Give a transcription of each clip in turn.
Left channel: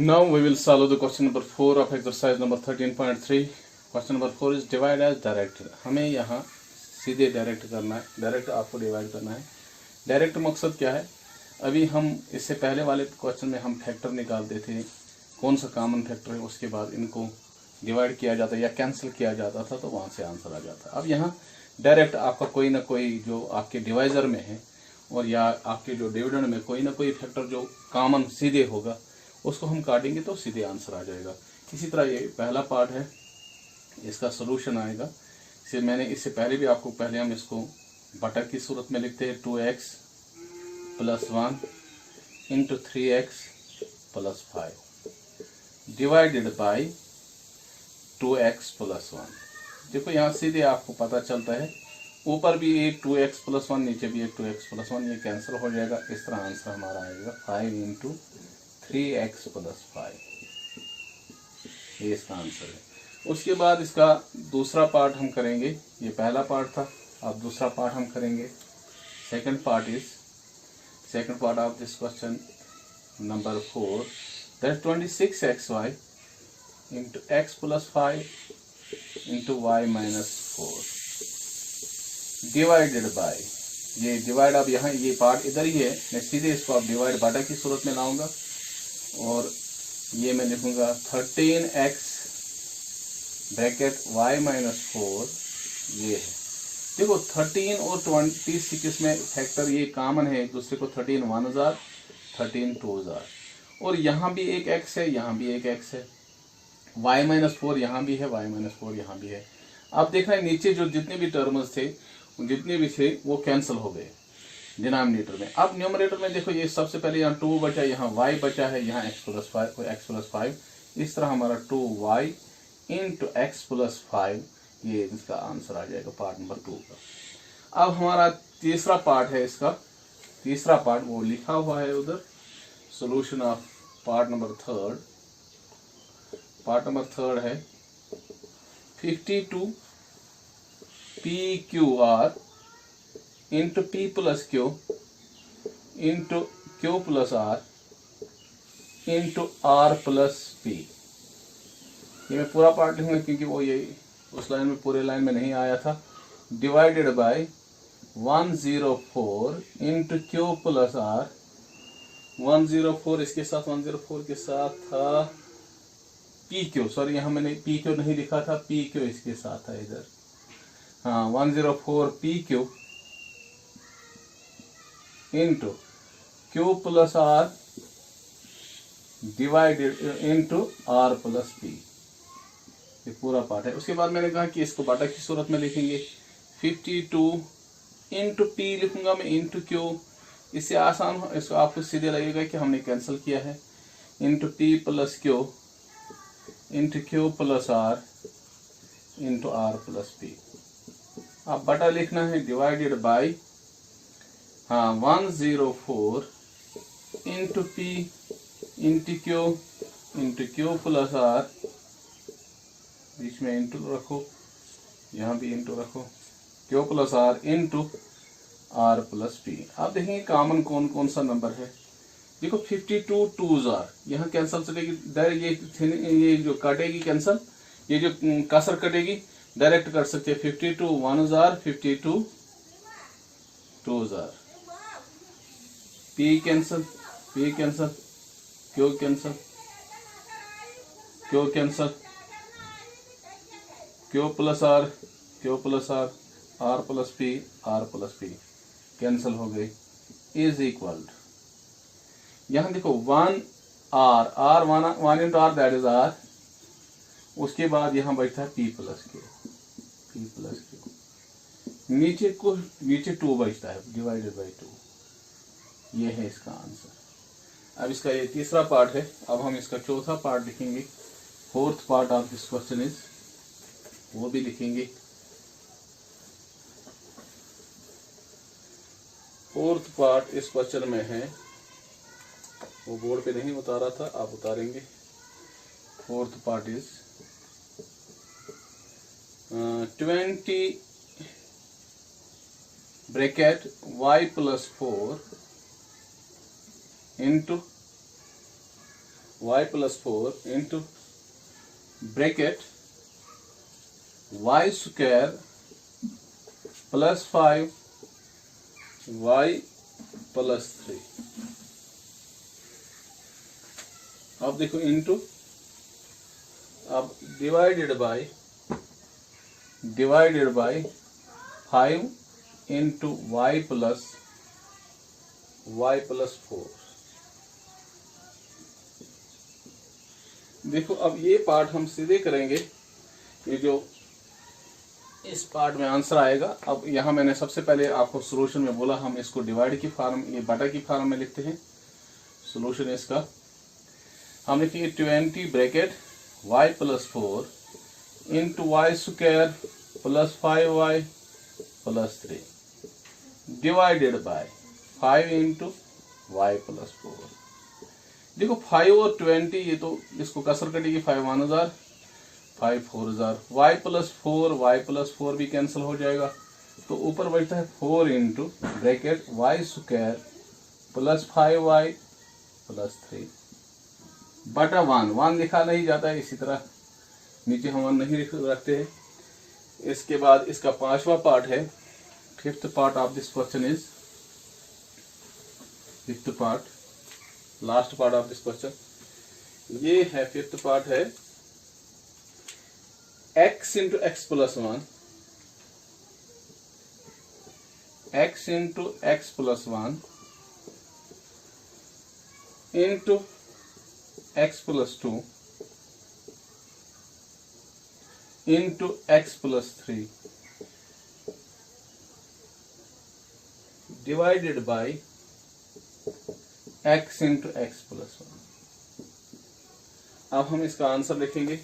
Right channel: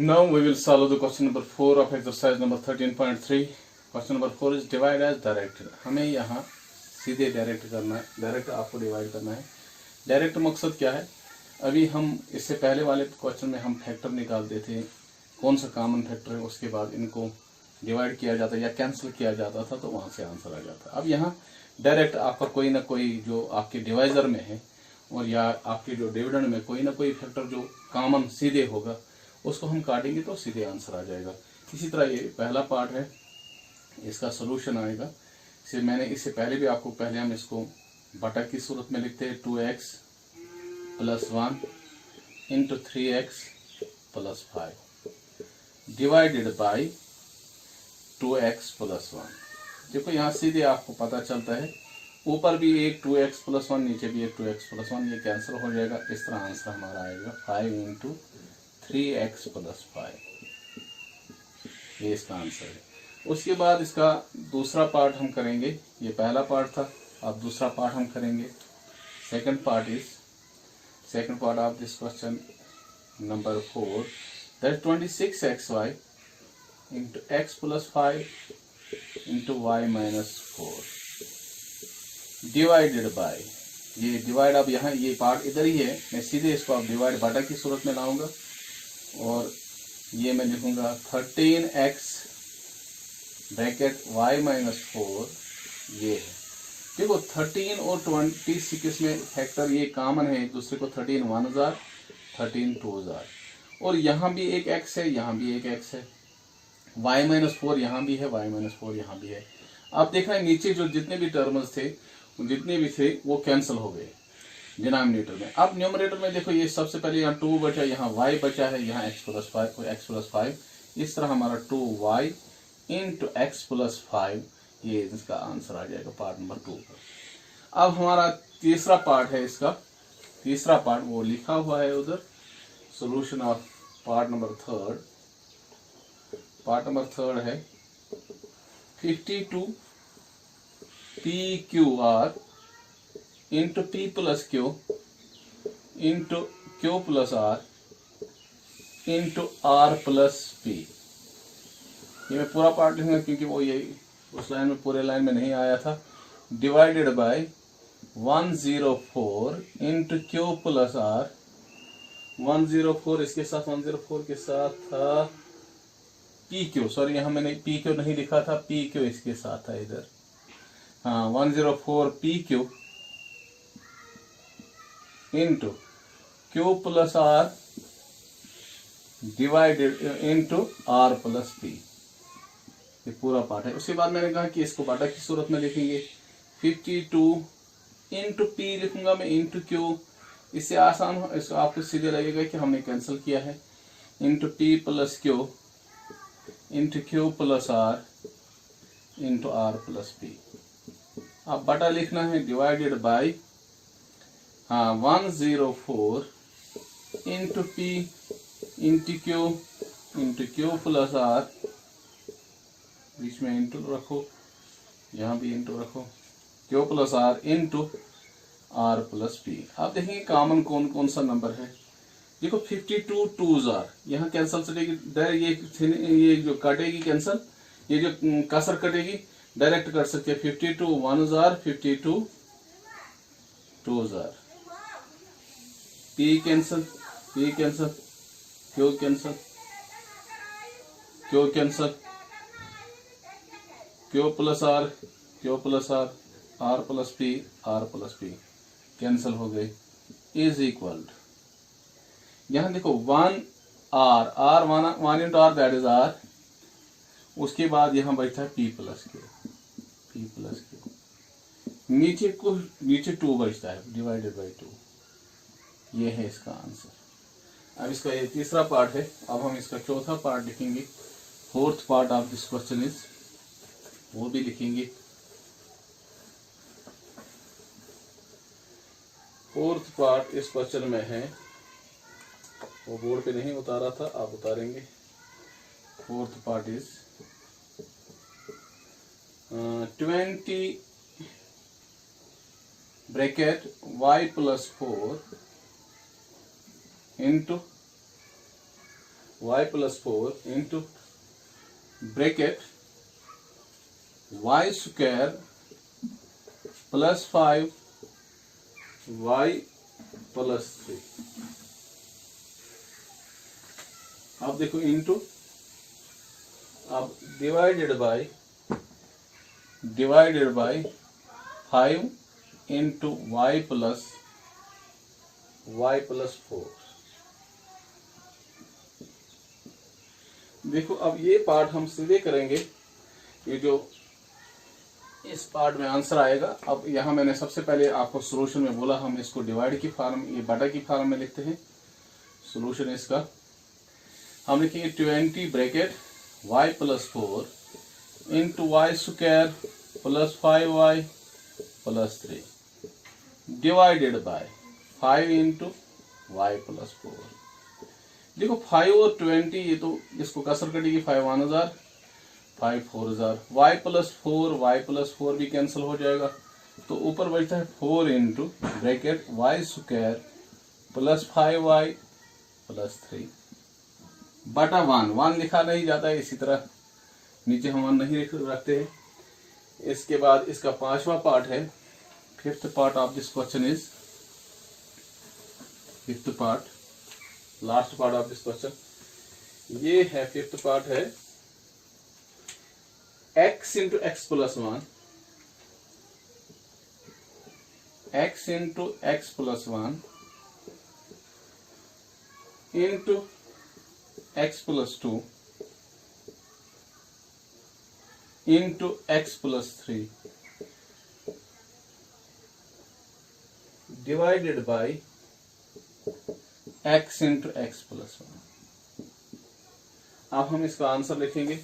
Now we will solve the question number 4 of exercise number 13.3. Question number 4 is divide as directed. हमें यहाँ सीधे direct करना है, direct आपको डिवाइड करना है। डायरेक्ट मकसद क्या है? अभी हम इससे पहले वाले क्वेश्चन में हम फैक्टर निकालते थे, कौन सा कॉमन फैक्टर है, उसके बाद इनको डिवाइड किया जाता या कैंसिल किया जाता था, तो वहाँ से आंसर आ जाता। अब यहाँ डायरेक्ट आपका कोई ना कोई जो आपके डिवाइजर में है और या आपके जो डिविडेंड में कोई ना कोई फैक्टर जो कॉमन सीधे होगा, उसको हम काटेंगे तो सीधे आंसर आ जाएगा। इसी तरह ये पहला पार्ट है, इसका सोल्यूशन आएगा। इसे मैंने इससे पहले भी आपको, पहले हम इसको बटा की सूरत में लिखते हैं 2x + 1 × 3x + 5 divided by 2x + 1। देखो यहाँ सीधे आपको पता चलता है, ऊपर भी एक 2x + 1, नीचे भी एक 2x + 1, ये कैंसिल हो जाएगा। इस तरह आंसर हमारा आएगा 5 × 3x + 5, ये इसका आंसर है। उसके बाद इसका दूसरा पार्ट हम करेंगे, ये पहला पार्ट था, अब दूसरा पार्ट हम करेंगे। Second part of this question number 4, that 26xy × x + 5 × y - 4 divided by, ये डिवाइड अब यहाँ ये पार्ट इधर ही है, मैं सीधे इसको अब डिवाइड बटा की सूरत में लाऊंगा और ये मैं लिखूंगा 13x ब्रैकेट y - 4, ये है। देखो 13 और 26 में फैक्टर ये कॉमन है, दूसरे को 13 1 जार 13 2 जार, और यहाँ भी एक x है, यहाँ भी एक x है, y - 4 यहाँ भी है, y - 4 यहाँ भी है। अब देख रहे हैं नीचे जो जितने भी टर्म्स थे, जितने भी थे वो कैंसिल हो गए डिनोमिनेटर में। अब न्यूमरेटर में देखो, ये सबसे पहले यहाँ 2 बचा, यहाँ y बचा है, यहाँ x + 5, इस तरह हमारा 2y × x + 5, ये इसका आंसर आ जाएगा पार्ट नंबर 2 का। अब हमारा तीसरा पार्ट है, इसका तीसरा पार्ट वो लिखा हुआ है उधर, solution of part number 3। Part number 3 है 52 PQR × P + Q × Q + R × R + P। ये मैं पूरा पार्ट लिखूंगा क्योंकि वो ये उस लाइन में, पूरे लाइन में नहीं आया था। डिवाइडेड बाय 104 × Q + R, 104 इसके साथ, 104 के साथ था PQ, सॉरी यहाँ मैंने PQ नहीं लिखा था, PQ इसके साथ था इधर, हाँ 104 PQ × Q + R divided × R + P, ये पूरा पार्ट है। उसके बाद मैंने कहा कि इसको बटा की सूरत में लिखेंगे, 52 × P लिखूंगा मैं × Q, इससे आसान, इसको आपको सीधे लगेगा कि हमने कैंसिल किया है, × P + Q × Q + R × R + P। अब बटा लिखना है, डिवाइडेड बाय, हाँ 104 × P × Q × Q + R, बीच में इंटू रखो, यहाँ भी इंटू रखो, Q + R × R + P। आप देखेंगे कॉमन कौन कौन सा नंबर है। देखो 52 2 जार, यहाँ कैंसिल चलेगी, डायरेक्ट ये जो कटेगी कैंसिल, ये जो कसर कटेगी डायरेक्ट कर सकते हैं, 52 1 jar 52 2 jar, P cancel, P cancel, Q cancel, Q cancel, Q + R Q + R, R + P R + P cancel हो गई, इज इक्वल, यहाँ देखो 1 R 1 × R that is R, उसके बाद यहाँ बचता है P + Q, नीचे 2 बचता है, डिवाइडेड बाई 2, ये है इसका आंसर। अब इसका ये तीसरा पार्ट है, अब हम इसका चौथा पार्ट लिखेंगे। Fourth part of this question is, वो भी लिखेंगे। फोर्थ पार्ट इस क्वेश्चन में है, वो बोर्ड पे नहीं उतारा था, आप उतारेंगे। Fourth part is 20 bracket y + 4 × y plus 4 into bracket y square plus 5 y plus 3। अब देखो इंटू, अब divided by 5 into y plus 4। देखो अब ये पार्ट हम सीधे करेंगे, ये जो इस पार्ट में आंसर आएगा। अब यहाँ मैंने सबसे पहले आपको सॉल्यूशन में बोला हम इसको डिवाइड की फॉर्म, ये बटा की फॉर्म में लिखते हैं। सॉल्यूशन इसका हम लिखेंगे 20 bracket y plus 4 into y square plus 5y plus 3 divided by 5 into y plus 4। देखो 5 और 20 ये तो इसको कसर कटेगी, 5 1 हजार 5 4 हजार, y प्लस 4 भी कैंसिल हो जाएगा, तो ऊपर बचता है 4 into bracket y square plus 5y plus 3 बटा 1 लिखा नहीं जाता है, इसी तरह नीचे हम 1 नहीं रखते हैं। इसके बाद इसका पांचवा पार्ट है, fifth part of this question is, fifth part, last part of this question ये है, फिफ्थ पार्ट है x into x plus 1, x into x plus 1 into x plus 2 into x plus 3 divided bye x into x plus 1। अब हम इसका answer लिखेंगे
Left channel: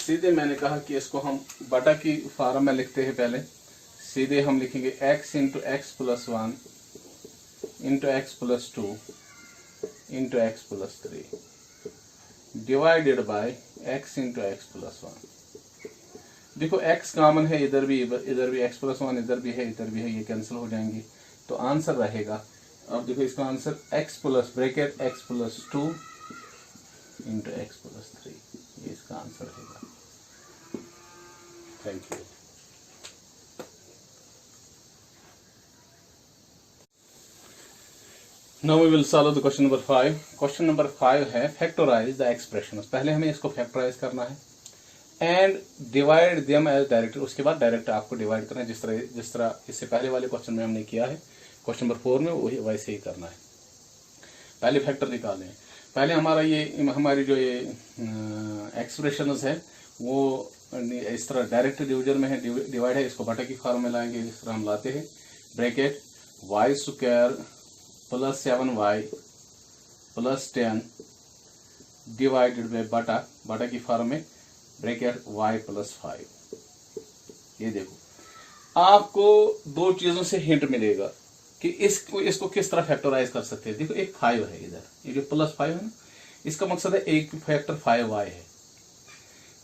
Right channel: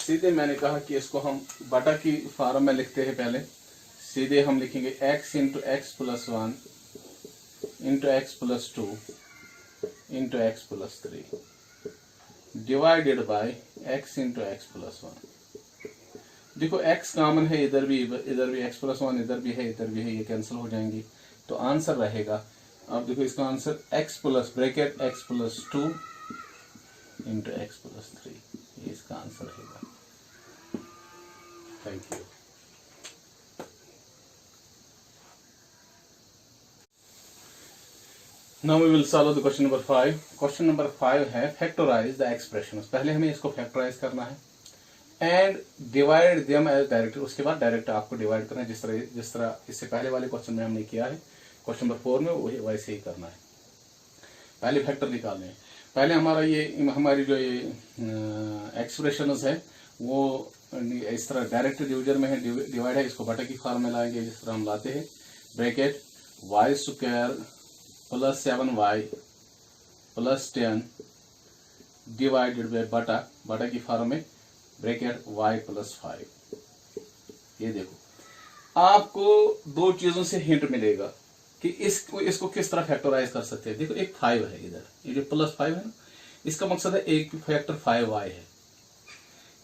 सीधे, मैंने कहा कि इसको हम बटा की फॉर्म में लिखते हैं। पहले सीधे हम लिखेंगे x into x plus 1 into x plus 2 into x plus 3 divided bye x into x plus 1। देखो x कॉमन है, इधर भी x प्लस 1, इधर भी है, ये कैंसिल हो जाएंगी, तो आंसर रहेगा। अब देखो इसका answer x plus bracket x plus 2 into x plus 3, ये इसका आंसर रहेगा। Thank you. Now we will solve the question number 5। Question number 5 है फैक्टराइज द एक्सप्रेशंस। पहले हमें इसको फैक्टराइज करना है and divide them as direct, उसके बाद डायरेक्ट आपको डिवाइड करना है, जिस तरह इससे पहले वाले क्वेश्चन में हमने किया है, क्वेश्चन नंबर 4 में वही वैसे ही करना है। पहले फैक्टर निकालने हैं। पहले हमारी जो ये एक्सप्रेशंस है वो इस तरह डायरेक्ट डिवीजन में है, डिवाइड है, इसको बटा की फॉर्म में लाएंगे, जिस तरह हम लाते हैं। Bracket y square plus 7y plus 10 divided by बटा की फॉर्म में ब्रैकेट y प्लस 5। ये देखो आपको दो चीजों से हिंट मिलेगा कि इसको किस तरह फैक्टराइज कर सकते हैं। देखो एक 5 है इधर, ये जो प्लस 5 है ना, इसका मकसद है एक फैक्टर 5y है।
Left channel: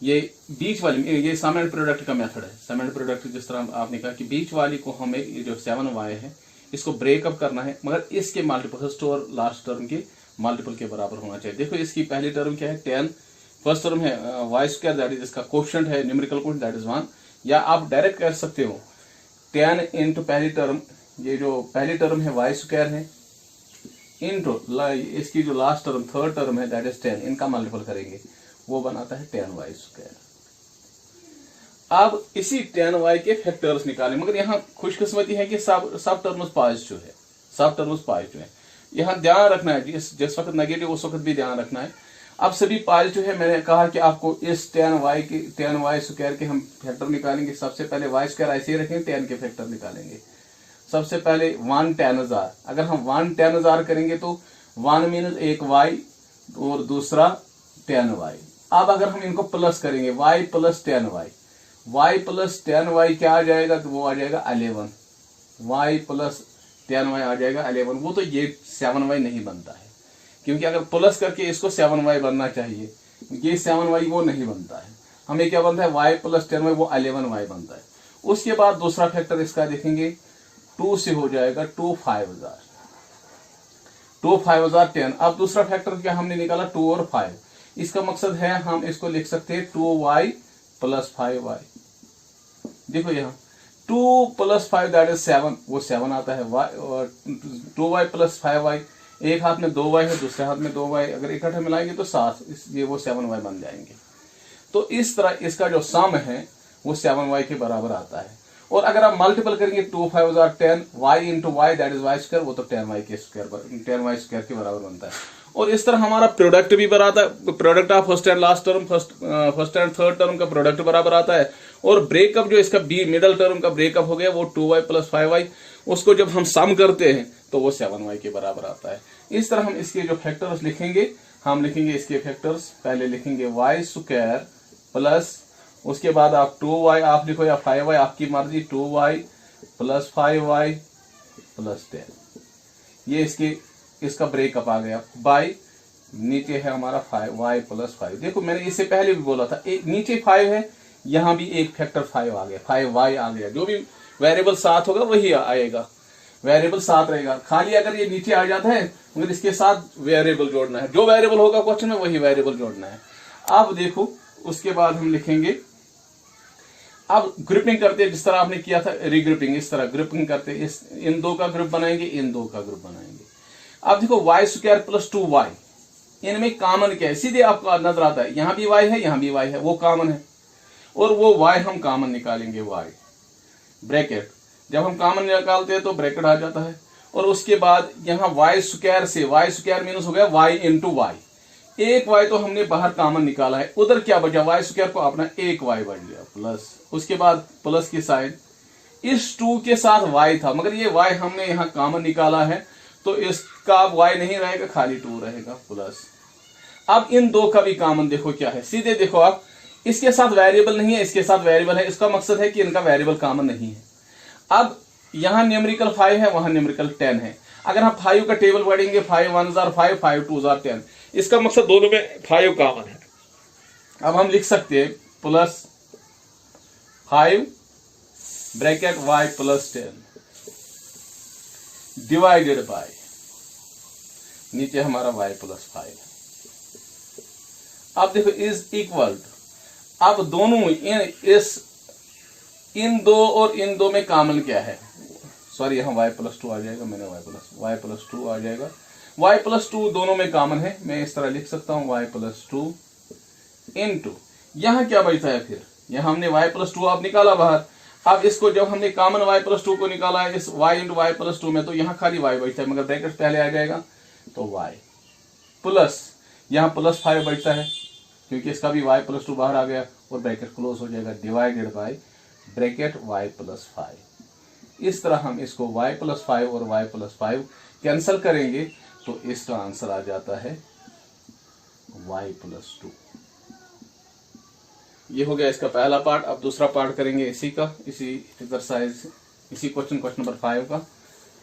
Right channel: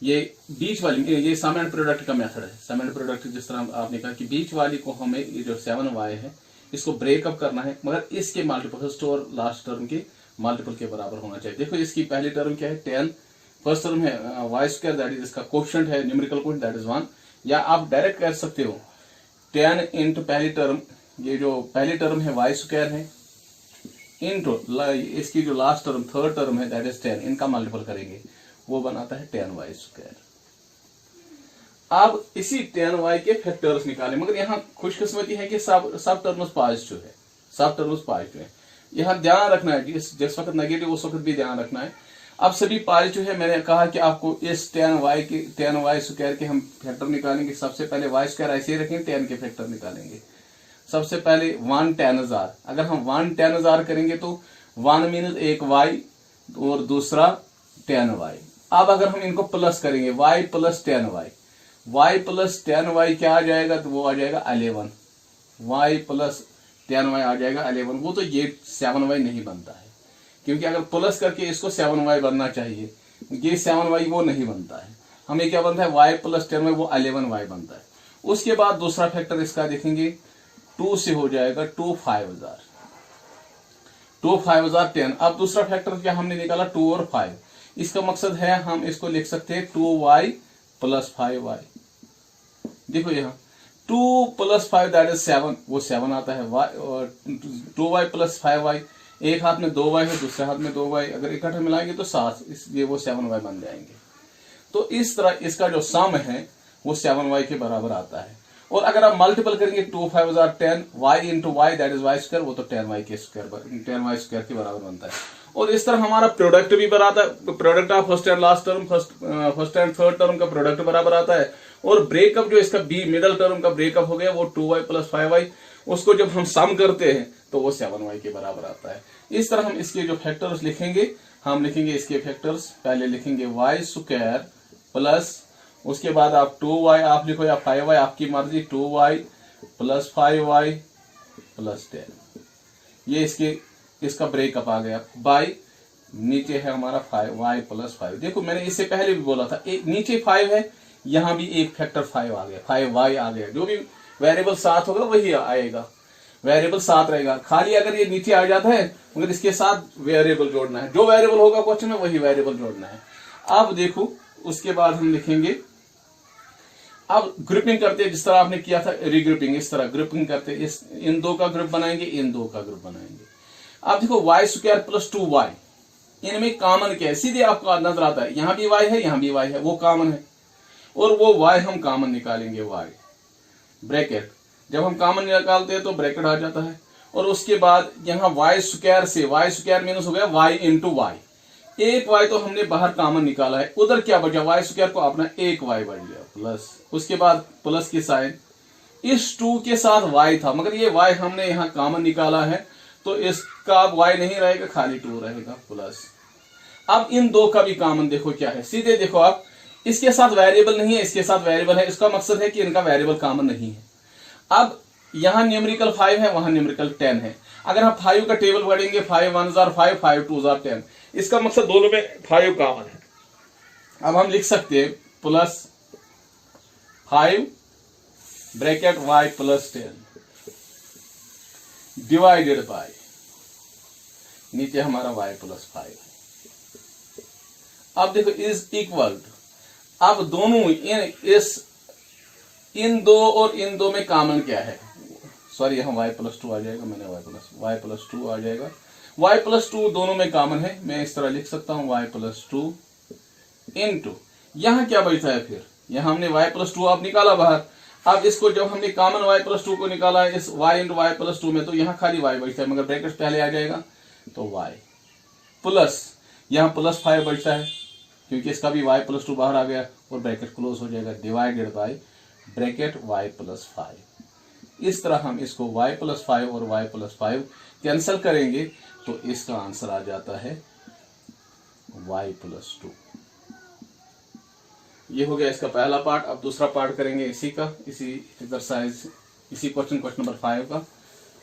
ये बीच वाली, ये सम एंड प्रोडक्ट का मेथड है। सम एंड प्रोडक्ट जिस तरह आपने कहा कि बीच वाली को हमें, ये जो 7y है इसको ब्रेकअप करना है, मगर इसके मल्टीपल, फर्स्ट और लास्ट टर्म के मल्टीपल के बराबर होना चाहिए। देखो इसकी पहली टर्म क्या है 10, फर्स्ट टर्म है वाई स्क्वायर, दैट इज इसका कोएफिशिएंट है, न्यूमेरिकल कोएफिशिएंट दैट इज 1। या आप डायरेक्ट कर सकते हो 10 इंटू पहली टर्म, ये जो पहली टर्म है वाई स्क्वायर है, इंटू इसकी जो लास्ट टर्म थर्ड टर्म है दैट इज 10, इनका मल्टीपल करेंगे, वो बनाता है 10y स्क्वायर। अब इसी 10y के फैक्टर्स निकालें, मगर यहाँ खुशकिस्मती है कि सब टर्म्स पॉजिटिव है, सब टर्म्स पॉजिटिव है। यहाँ ध्यान रखना है, जिस वक्त नेगेटिव उस वक्त भी ध्यान रखना है। अब सभी पॉजिटिव है, मैंने कहा कि आपको इस 10y स्क्वायर के हम फैक्टर निकालेंगे। सबसे पहले y स्क्वायर ऐसे ही रखेंगे, 10 के फैक्टर निकालेंगे। सबसे पहले 1 10,000, अगर हम 1 10,000 करेंगे तो 1 मीनस एक y और दूसरा 10y। अब अगर हम इनको प्लस करेंगे y plus 10y, y plus 10y क्या आ जाएगा, तो वो आ जाएगा 11, y प्लस 10y आ जाएगा 11। वो तो ये 7y नहीं बनता है, क्योंकि अगर प्लस करके इसको 7y बनना चाहिए, ये 7y वो नहीं बनता है। हमें क्या बनता है y प्लस 10y, वो 11y बनता है। उसके बाद दूसरा फैक्टर इसका देखेंगे 2 से हो जाएगा 2 5000, 2 5 10। अब दूसरा फैक्टर क्या हमने निकाला 2 और 5। इसका मकसद है हम इसको लिख सकते हैं 2y प्लस 5y। देखो यहाँ 2 प्लस 5 दैट इज 7, वो 7 आता है। y 2y प्लस 5y, एक हाथ में 2y है, दूसरे हाथ में 2y, अगर इकट्ठे मिलाएंगे तो 7, इसलिए वो 7y बन जाएंगे। तो इस तरह इसका जो सम है वो 7y के बराबर आता है। और अगर आप मल्टीपल करेंगे 2 5 10, y into y that is y square, वो तो 10y के बराबर बनता है। और इस तरह हमारा प्रोडक्ट भी बराबर आता है, product of first and last term, first and third term का प्रोडक्ट बराबर आता है। और ब्रेकअप जो इसका बी मिडल टर्म का ब्रेकअप हो गया वो 2y प्लस 5y, उसको जब हम सम करते हैं तो वो 7y के बराबर आता है। इस तरह हम इसके जो फैक्टर्स लिखेंगे, हम लिखेंगे इसके फैक्टर्स, पहले लिखेंगे वाई स्क्वायर प्लस, उसके बाद आप 2y आप लिखो या 5y आपकी मर्जी, 2y प्लस 5y प्लस 10, ये इसका ब्रेकअप आ गया। बाई नीचे है हमारा 5y प्लस 5। देखो मैंने इससे पहले भी बोला था, एक नीचे 5 है, यहां भी एक फैक्टर 5 आ गया, 5y आ गया। जो भी वेरिएबल साथ होगा वही आएगा, वेरिएबल साथ रहेगा। खाली अगर ये नीचे आ जाता है मगर इसके साथ वेरिएबल जोड़ना है, जो वेरिएबल होगा क्वेश्चन में वही वेरिएबल जोड़ना है। अब देखो उसके बाद हम लिखेंगे, अब ग्रुपिंग करते हैं जिस तरह आपने किया था रीग्रुपिंग, इस तरह ग्रुपिंग करते हैं, इन दो का ग्रुप बनाएंगे, इन दो का ग्रुप बनाएंगे। अब देखो वाई स्क्वायर प्लस 2y, इनमें कॉमन क्या है, सीधे आपको नजर आता है, यहां भी y है यहां भी y है, वो कॉमन है। और वो y हम कॉमन निकालेंगे, y ब्रैकेट, जब हम कॉमन निकालते हैं तो ब्रैकेट आ जाता है। और उसके बाद यहाँ वाई स्क्वायर से, वाई स्क्वायर माइनस हो गया y इंटू वाई, एक y तो हमने बाहर कॉमन निकाला है, उधर क्या बचा, वाई स्क्वायर को अपना एक y बन गया प्लस, उसके बाद प्लस की साइन, इस 2 के साथ y था मगर ये y हमने यहाँ कॉमन निकाला है तो इसका अब y नहीं रहेगा, खाली 2 रहेगा प्लस। अब इन दो का भी कॉमन देखो क्या है, सीधे देखो आप, इसके साथ वेरिएबल नहीं है, इसके साथ वेरिएबल है, इसका मकसद है कि इनका वेरिएबल कॉमन नहीं है। अब यहां न्यूमेरिकल 5 है, वहां न्यूमेरिकल 10 है। अगर हम 5 का टेबल पढ़ेंगे, 5 1 5, 5 2 10, इसका मकसद दोनों में 5 कॉमन है। अब हम लिख सकते हैं plus 5 bracket y plus 10 divided bye, नीचे हमारा y प्लस 5 है। अब देखो इज इक्वल, अब दोनों इन दो और इन दो में कॉमन क्या है, सॉरी यहाँ y प्लस 2 आ जाएगा, मैंने y प्लस 2 आ जाएगा, y प्लस 2 दोनों में कॉमन है, मैं इस तरह लिख सकता हूँ y प्लस 2 इंटू, यहाँ क्या बचता है फिर, यहाँ हमने y प्लस 2 आप निकाला बाहर। अब इसको जब हमने कॉमन y प्लस 2 को निकाला इस y इंटू y प्लस 2 में, तो यहाँ खाली y बचता है मगर ब्रैकेट पहले आ जाएगा, तो y प्लस यहाँ प्लस 5 बचता है क्योंकि इसका भी y प्लस 2 बाहर आ गया और ब्रैकेट क्लोज हो जाएगा, divided by bracket y plus 5। इस तरह हम इसको y प्लस 5 और y प्लस 5 कैंसिल करेंगे तो इसका आंसर आ जाता है y प्लस 2। ये हो गया इसका पहला पार्ट। अब दूसरा पार्ट करेंगे इसी का, इसी एक्सरसाइज, इसी क्वेश्चन नंबर 5 का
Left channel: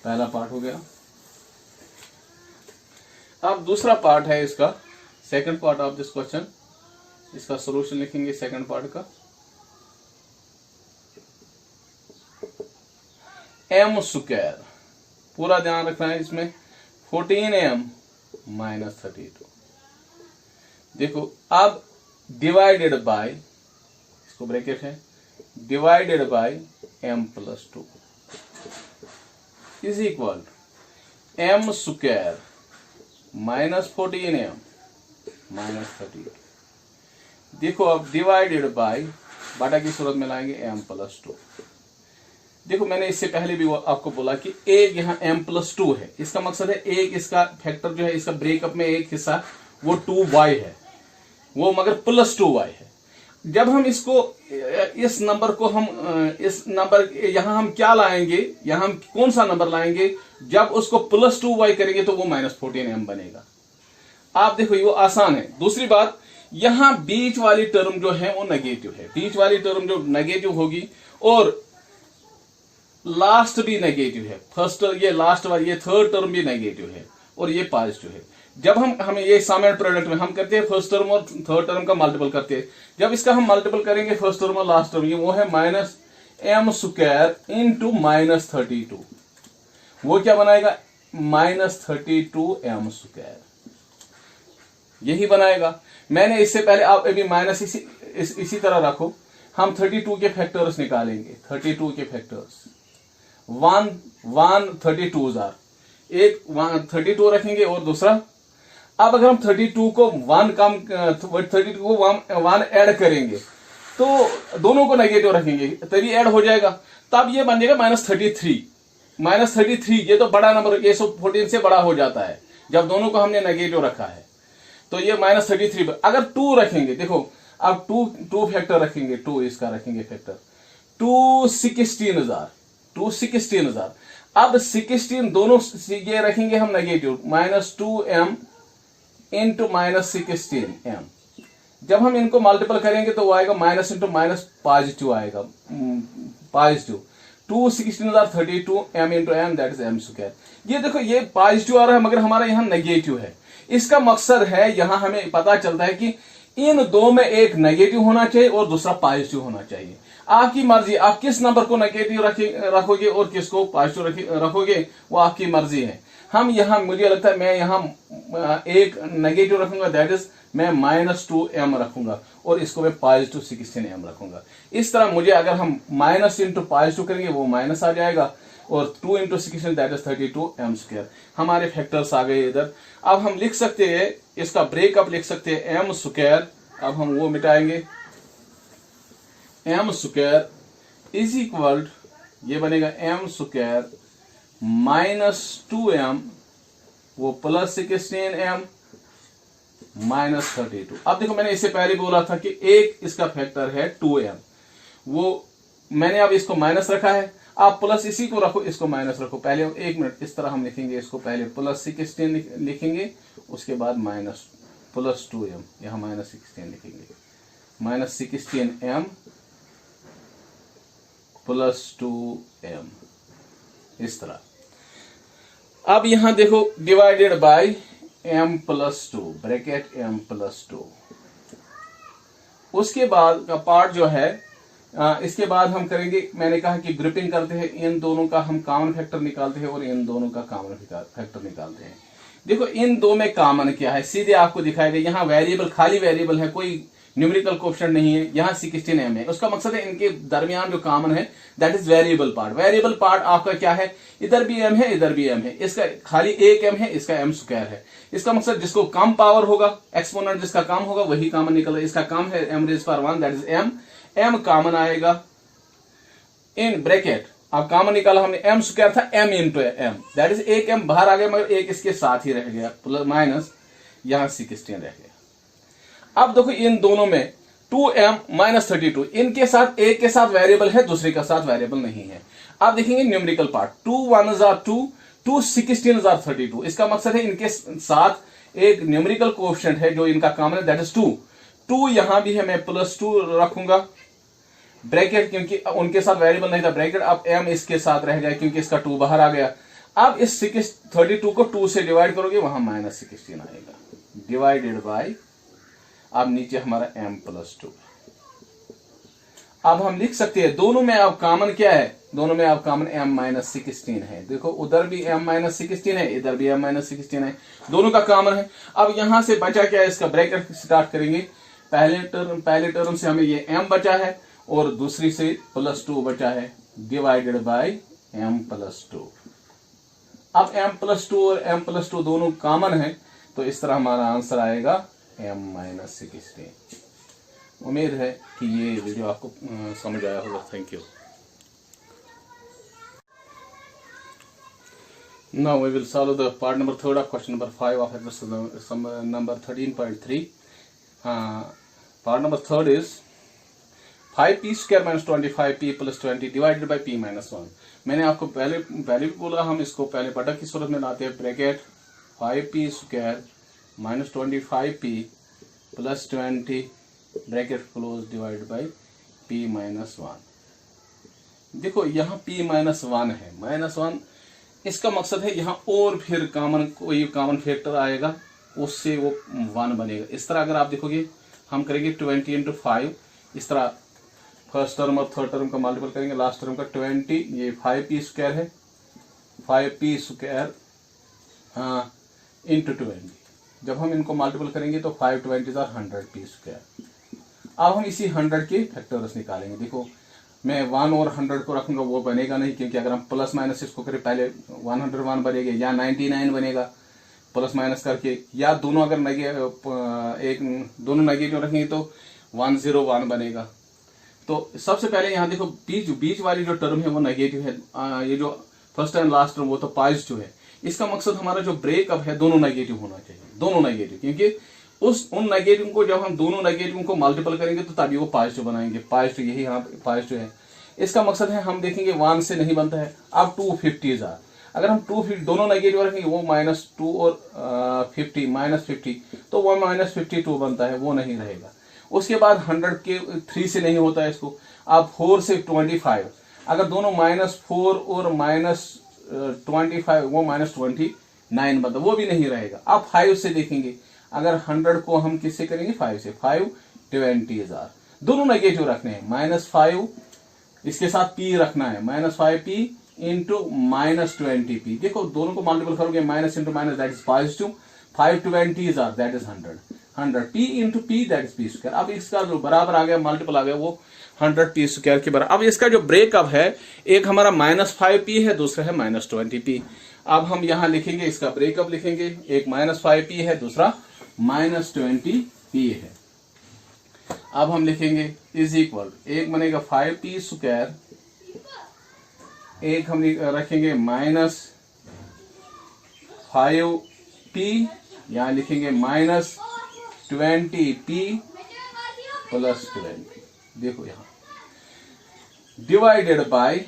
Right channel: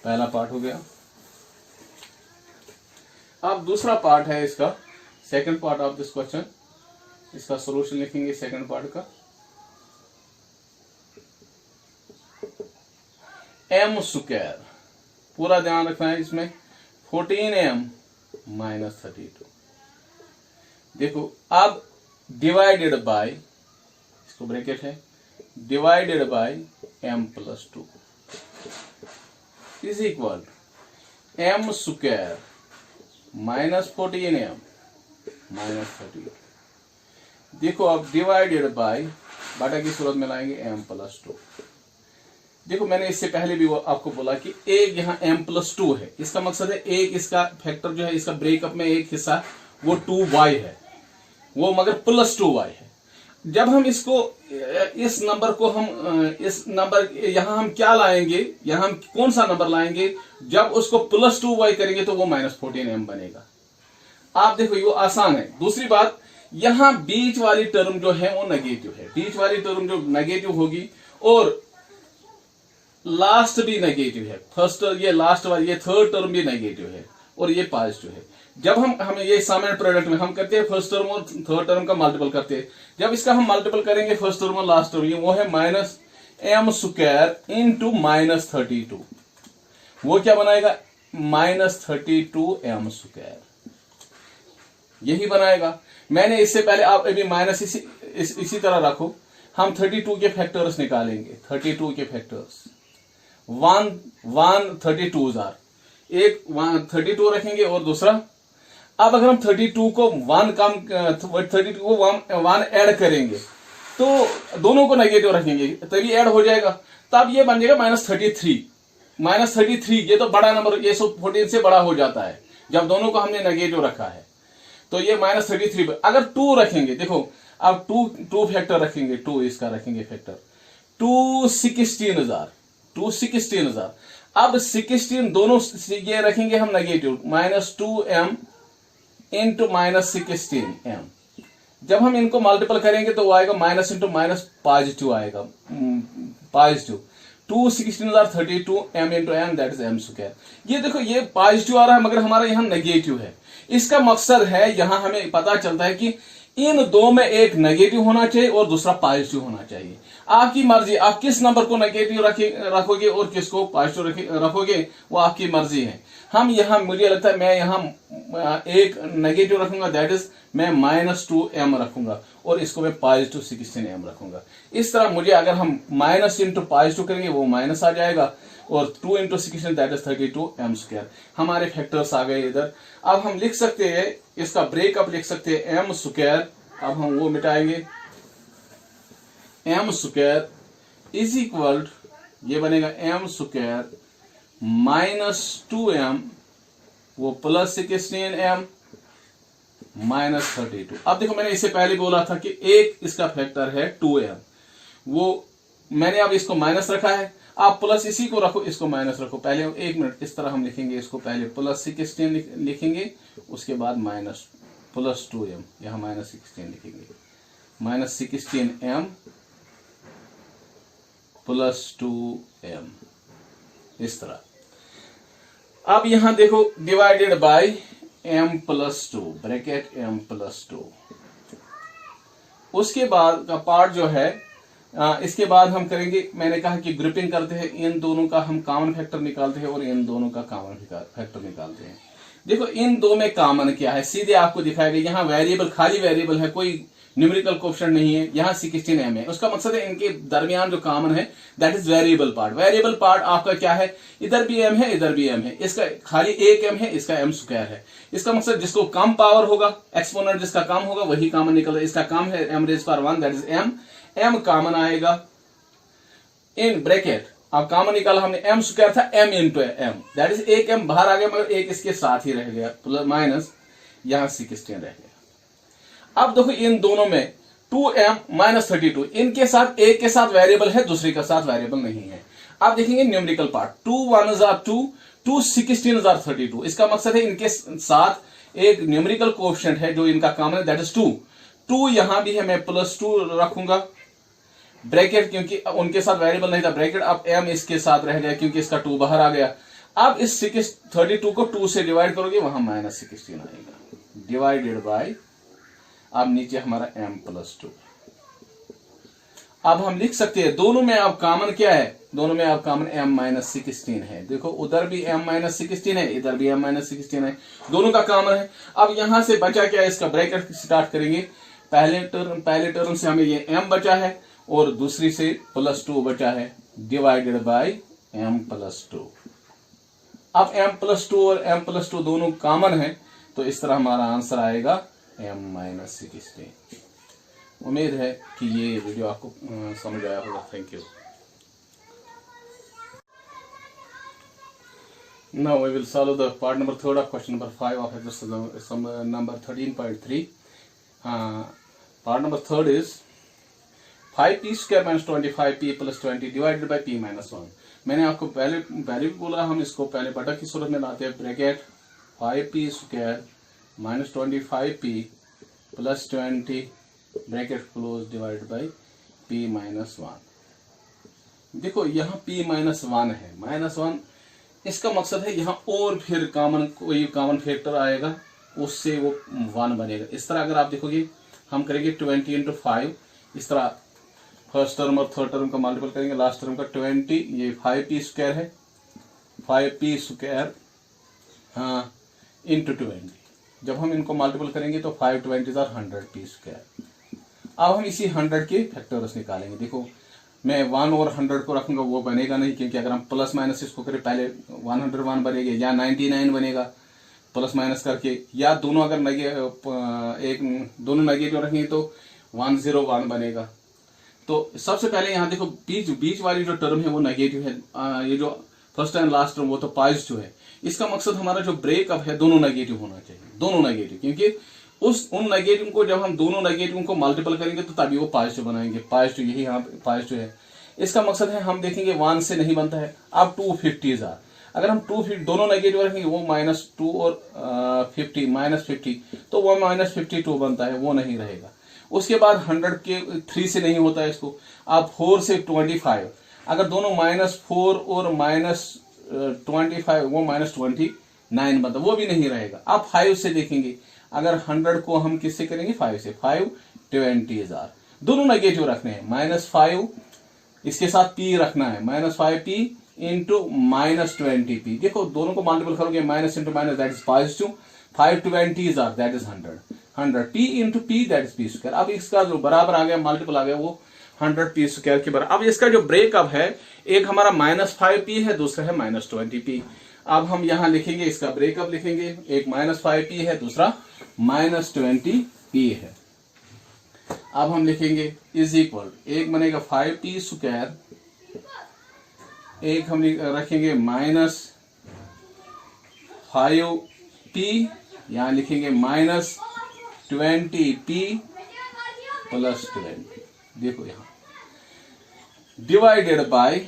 पहला पार्ट हो गया। अब दूसरा पार्ट है इसका, second part of this question, इसका सॉल्यूशन लिखेंगे सेकंड पार्ट का। m स्क्वायर, पूरा ध्यान रखना है इसमें, 14m माइनस 32। देखो अब डिवाइडेड बाय, इसको ब्रैकेट है, divided by m plus 2 is equal m square minus 14m minus 32। देखो अब डिवाइडेड बाय, बाटा की सूरत में लाएंगे m प्लस 2। देखो मैंने इससे पहले भी आपको बोला कि एक यहाँ m प्लस 2 है, इसका मकसद है एक इसका फैक्टर जो है, इसका ब्रेकअप में एक हिस्सा वो 2y है, वो मगर प्लस 2y है। जब हम इसको, इस नंबर को हम, इस नंबर यहाँ हम क्या लाएंगे, यहाँ हम कौन सा नंबर लाएंगे, जब उसको प्लस 2y करेंगे तो वो माइनस 14m बनेगा। आप देखो ये वो आसान है। दूसरी बात, यहां बीच वाली टर्म जो है वो नेगेटिव है, बीच वाली टर्म जो नेगेटिव होगी और लास्ट भी नेगेटिव है, फर्स्ट ये लास्ट वाली ये थर्ड टर्म भी नेगेटिव है और ये पॉजिटिव है। जब हम ये सम एंड प्रोडक्ट में हम करते हैं फर्स्ट टर्म और थर्ड टर्म का मल्टीपल करते हैं, जब इसका हम मल्टीपल करेंगे फर्स्ट टर्म और लास्ट टर्म, वो है minus m square into minus 32, वो क्या बनाएगा -32m², यही बनाएगा। मैंने इससे पहले, आप अभी माइनस इसी तरह रखो, हम 32 के फैक्टर्स निकालेंगे। 32 के फैक्टर्स 1 32 जार, एक 32 रखेंगे और दूसरा, अब अगर हम 32 को 1 कम 32 को 1 ऐड करेंगे तो दोनों को नेगेटिव रखेंगे तभी ऐड हो जाएगा, तब ये बन जाएगा -33। -33 ये तो बड़ा नंबर, ये 14 से बड़ा हो जाता है जब दोनों को हमने नेगेटिव रखा है। तो ये -33, अगर 2 रखेंगे, देखो अब 2 फैक्टर रखेंगे, 2 इसका रखेंगे फैक्टर, 2 16,000, 2 16,000। अब 16 दोनों ये रखेंगे हम नेगेटिव, -2m इंटू -16m। जब हम इनको मल्टीपल करेंगे तो वो आएगा माइनस इंटू माइनस पॉजिटिव आएगा, positive. 2 16,000 32 m into m, that is m²। ये देखो ये पॉजिटिव आ रहा है मगर हमारा यहाँ नेगेटिव है। इसका मकसद है, यहाँ हमें पता चलता है कि इन दो में एक नेगेटिव होना चाहिए और दूसरा पॉजिटिव होना चाहिए। आपकी मर्जी, आप किस नंबर को नेगेटिव रखोगे और किसको पॉजिटिव रखोगे, वो आपकी मर्जी है। हम यहाँ, मुझे लगता है मैं यहाँ एक नेगेटिव रखूंगा, दैट इज मैं -2m रखूंगा और इसको मैं पॉजिटिव 16m रखूंगा। इस तरह मुझे, अगर हम माइनस इंटू पॉजिटिव करेंगे वो माइनस आ जाएगा और 2 इंटू 16 दैट इज 32m²। हमारे फैक्टर्स आ गए इधर। अब हम लिख सकते हैं, इसका ब्रेकअप लिख सकते हैं m²। अब हम वो मिटाएंगे, m² इज इक्वल, ये बनेगा m² -2m वो प्लस 16m -32। अब देखो मैंने इससे पहले बोला था कि एक इसका फैक्टर है 2m, वो मैंने अब इसको माइनस रखा है, आप प्लस इसी को रखो, इसको माइनस रखो। पहले 1 मिनट, इस तरह हम लिखेंगे इसको, पहले प्लस 16 लिखेंगे, उसके बाद माइनस प्लस 2m, यहां -16 लिखेंगे, -16m प्लस 2m, इस तरह। अब यहां देखो divided by m+2, bracket m+2। उसके बाद का पार्ट जो है, इसके बाद हम करेंगे, मैंने कहा कि ग्रुपिंग करते हैं, इन दोनों का हम कॉमन फैक्टर निकालते हैं और इन दोनों का कॉमन फैक्टर निकालते हैं। देखो इन दो में कॉमन क्या है, सीधे आपको दिखाएगा। यहाँ वेरिएबल, खाली वेरिएबल है, कोई न्यूमेरिकल कोएफिशिएंट नहीं है। यहाँ 16m है, उसका मकसद है इनके दरमियान जो कॉमन है that is variable part. Variable part आपका क्या है, इधर भी m है, इधर भी m है, इसका खाली एक m है, इसका m² है। इसका मकसद जिसको कम पावर होगा, एक्सपोनेंट जिसका कम होगा वही कॉमन निकल रहा है। इसका कम है m⁻⁴ that is m common आएगा इन ब्रैकेट। अब कॉमन निकाला हमने, m² था m into m, that is एक m बाहर आ गया मगर एक इसके साथ ही रह गया, प्लस माइनस यहाँ 16 रह गया। अब देखो इन दोनों में 2m -32, इनके साथ एक के साथ वेरिएबल है, दूसरे के साथ वेरिएबल नहीं है। अब देखेंगे न्यूमेरिकल पार्ट, 2 1 2, 2 16 32। इसका मकसद है इनके साथ एक न्यूमेरिकल कोएफिशिएंट है जो इनका कॉमन है, दैट इज 2 यहां भी है, मैं +2 रखूंगा ब्रैकेट, क्योंकि उनके साथ वेरिएबल नहीं था, ब्रैकेट। अब m इसके साथ रह गया क्योंकि इसका 2 बाहर आ गया। अब इस 32 को 2 से डिवाइड करोगे, वहां -16 आएगा, डिवाइडेड बाय, अब नीचे हमारा m+2। अब हम लिख सकते हैं दोनों में अब कॉमन क्या है, दोनों में अब कॉमन m-16 है। देखो उधर भी m-16 है, इधर भी m-16 है, दोनों का कॉमन है। अब यहां से बचा क्या है, इसका ब्रैकेट स्टार्ट करेंगे। पहले टर्म से हमें ये m बचा है और दूसरी से +2 बचा है, डिवाइडेड बाय m+2। अब m+2 और m+2 दोनों कॉमन है, तो इस तरह हमारा आंसर आएगा m-16। उम्मीद है कि ये वीडियो आपको समझ आया होगा। Thank you. Now we will solve the part number 3 of question number 5 of exercise number 13.3. Part number 3 is 5p² - 25p + 20 divided by p-1। मैंने आपको पहले भी बोला, हम इसको पहले बटा की सूरत में लाते हैं, bracket 5p² - 25p + 20 bracket close divide by p-1। देखो यहाँ p-1 है, -1, इसका मकसद है यहाँ और फिर कोई कॉमन फैक्टर आएगा, उससे वो 1 बनेगा। इस तरह अगर आप देखोगे, हम करेंगे 20 × 5, इस तरह फर्स्ट टर्म और थर्ड टर्म का मल्टीपल करेंगे, लास्ट टर्म का 20, ये 5p² है, 5p² इंटू 20। जब हम इनको मल्टीपल करेंगे तो 5 20 100 पी स्क्वायर। अब हम इसी 100 के फैक्टर्स निकालेंगे। देखो मैं 1 और 100 को रखूंगा, वो बनेगा नहीं, क्योंकि अगर हम प्लस माइनस इसको करें पहले 101 बनेगा या 99 बनेगा प्लस माइनस करके, या दोनों अगर दोनों नेगेटिव रखेंगे तो 101 बनेगा। तो सबसे पहले यहाँ देखो बीच वाली जो टर्म है वो नेगेटिव है, ये जो फर्स्ट एंड लास्ट टर्म वो तो पॉजिटिव है। इसका मकसद हमारा जो ब्रेकअप है दोनों नेगेटिव होना चाहिए, दोनों नेगेटिव, क्योंकि उन नेगेटिव को जब हम दोनों नेगेटिव को मल्टीपल करेंगे तो तभी वो पॉजिटिव बनाएंगे। पॉजिटिव यही यहाँ पॉजिटिव है। इसका मकसद है हम देखेंगे 1 से नहीं बनता है। अब 250 अगर हम 250 दोनों नेगेटिव रखेंगे वो -2 और 50 -50 तो वो -52 बनता है, वो नहीं रहेगा। उसके बाद 100 के 3 से नहीं होता है इसको। अब 4 से 25 अगर दोनों -4 और -25 वो -29 बनता, वो भी नहीं रहेगा। अब 5 से देखेंगे, अगर 100 को हम किससे करेंगे 5 से, 5 20,000 दोनों नेगेटिव रखने हैं। -5 इसके साथ p रखना है, -5p इंटू -20p। देखो दोनों को मल्टीपल करोगे minus into minus that is positive, 5 20,000 that is 100 p into p that is p square. अब इसका जो बराबर आ गया मल्टीपल आ गया वो 100 p स्क्वायर के बराबर। अब इसका जो ब्रेकअप है एक हमारा -5p है, दूसरा है -20p। अब हम यहां लिखेंगे इसका ब्रेकअप लिखेंगे, एक -5p है, दूसरा -20p है। अब हम लिखेंगे इज इक्वल, एक बनेगा 5p स्क्वायर, एक हम रखेंगे -5p, यहां लिखेंगे -20p प्लस 20। देखो यहां डिवाइडेड बाय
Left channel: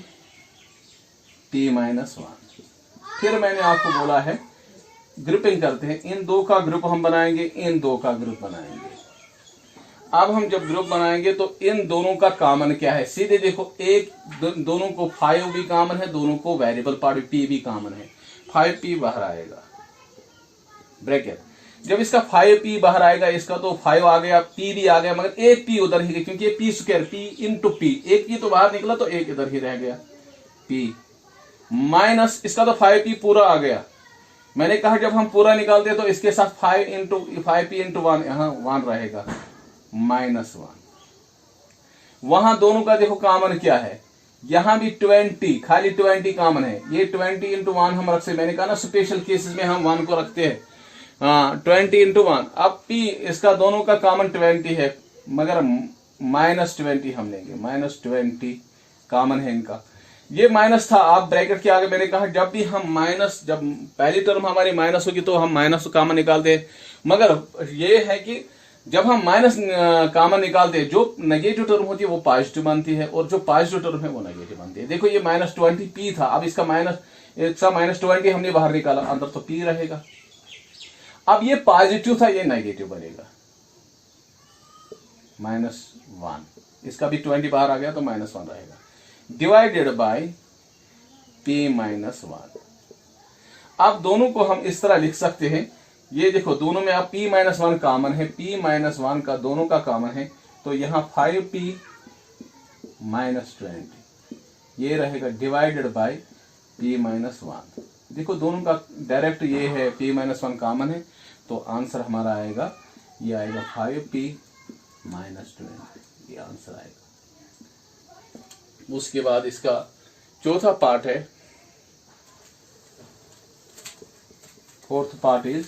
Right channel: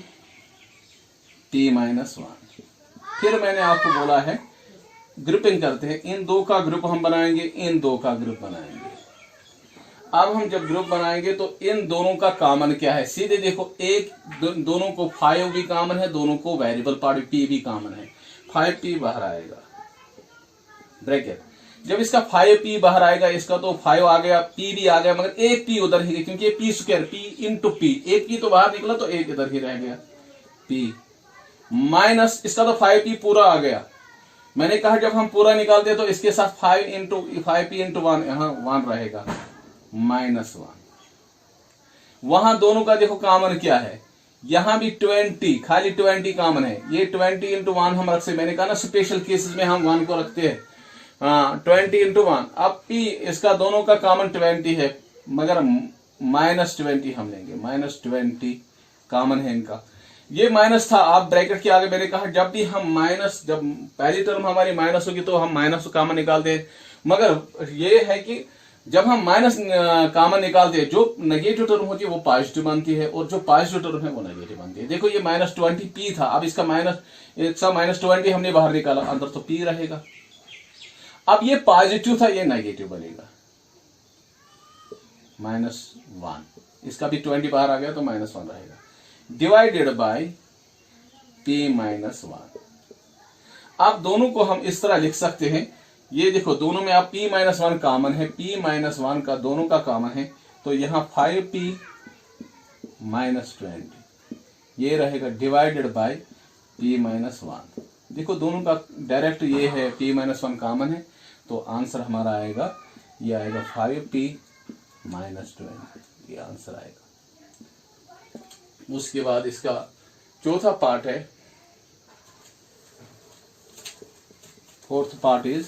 p -1। फिर मैंने आपको बोला है ग्रुपिंग करते हैं, इन दो का ग्रुप हम बनाएंगे, इन दो का ग्रुप बनाएंगे। अब हम जब ग्रुप बनाएंगे तो इन दोनों का कॉमन क्या है, सीधे देखो एक दोनों को 5 भी कॉमन है, दोनों को वेरिएबल पार्ट p भी कॉमन है, 5p बाहर आएगा ब्रैकेट। जब इसका 5p बाहर आएगा, इसका तो 5 आ गया, p भी आ गया, मगर एक p उधर ही, क्योंकि ये p square p into p, एक p तो बाहर निकला तो एक इधर ही रह गया p माइनस इसका तो 5p पूरा आ गया। मैंने कहा जब हम पूरा निकालते तो इसके साथ 5p इंटू 1 यहां 1 रहेगा -1। वहां दोनों का देखो कॉमन क्या है, यहां भी 20 खाली 20 कॉमन है, ये 20 इंटू 1 हम रख सकते। मैंने कहा ना स्पेशल केसेस में हम 1 को रखते हैं, 20 इंटू 1। अब p इसका दोनों का कॉमन 20 है, मगर -20 हम लेंगे, -20 कॉमन है इनका। ये माइनस था, आप ब्रैकेट के आगे मैंने कहा जब भी हम जब पहली टर्म हमारी माइनस होगी तो हम माइनस कॉमन निकालते हैं, मगर ये है कि जब हम माइनस कॉमन निकालते हैं जो नेगेटिव टर्म होती है वो पॉजिटिव बनती है, और जो पॉजिटिव टर्म है वो नेगेटिव बनती है। देखो ये -20p था, अब इसका -20 हमने बाहर निकाला, अंदर तो p रहेगा। अब ये पॉजिटिव था, ये नेगेटिव बनेगा -1, इसका भी 20 बाहर आ गया तो -1 रहेगा, डिवाइडेड बाय p -1। अब दोनों को हम इस तरह लिख सकते हैं, ये देखो दोनों में आप p -1 कॉमन है, p -1 का दोनों का कॉमन है, तो यहां 5p -20 ये रहेगा डिवाइडेड बाय p -1। देखो दोनों का डायरेक्ट ये है, p -1 कॉमन है, तो आंसर हमारा आएगा, ये आएगा 5p -20, ये आंसर आएगा। उसके बाद इसका चौथा पार्ट है, फोर्थ पार्ट इज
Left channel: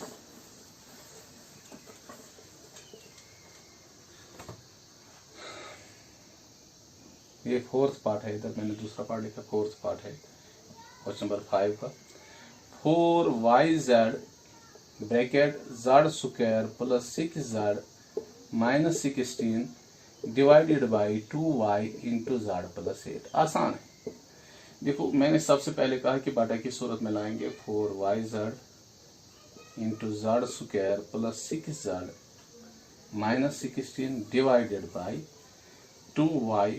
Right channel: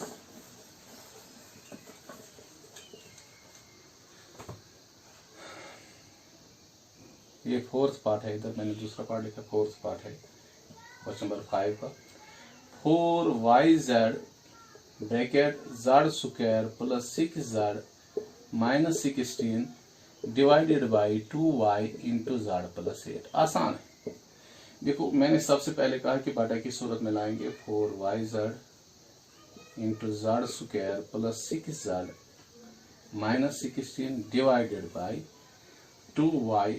ये फोर्थ पार्ट है, इधर मैंने दूसरा पार्ट लिखा, फोर्थ पार्ट है क्वेश्चन नंबर 5 का। 4yz bracket z square plus 6z minus 16 divided by 2y into z plus 8। आसान है। देखो मैंने सबसे पहले कहा कि बाटा की सूरत में लाएंगे, 4yz into z square plus 6z minus 16 divided by 2y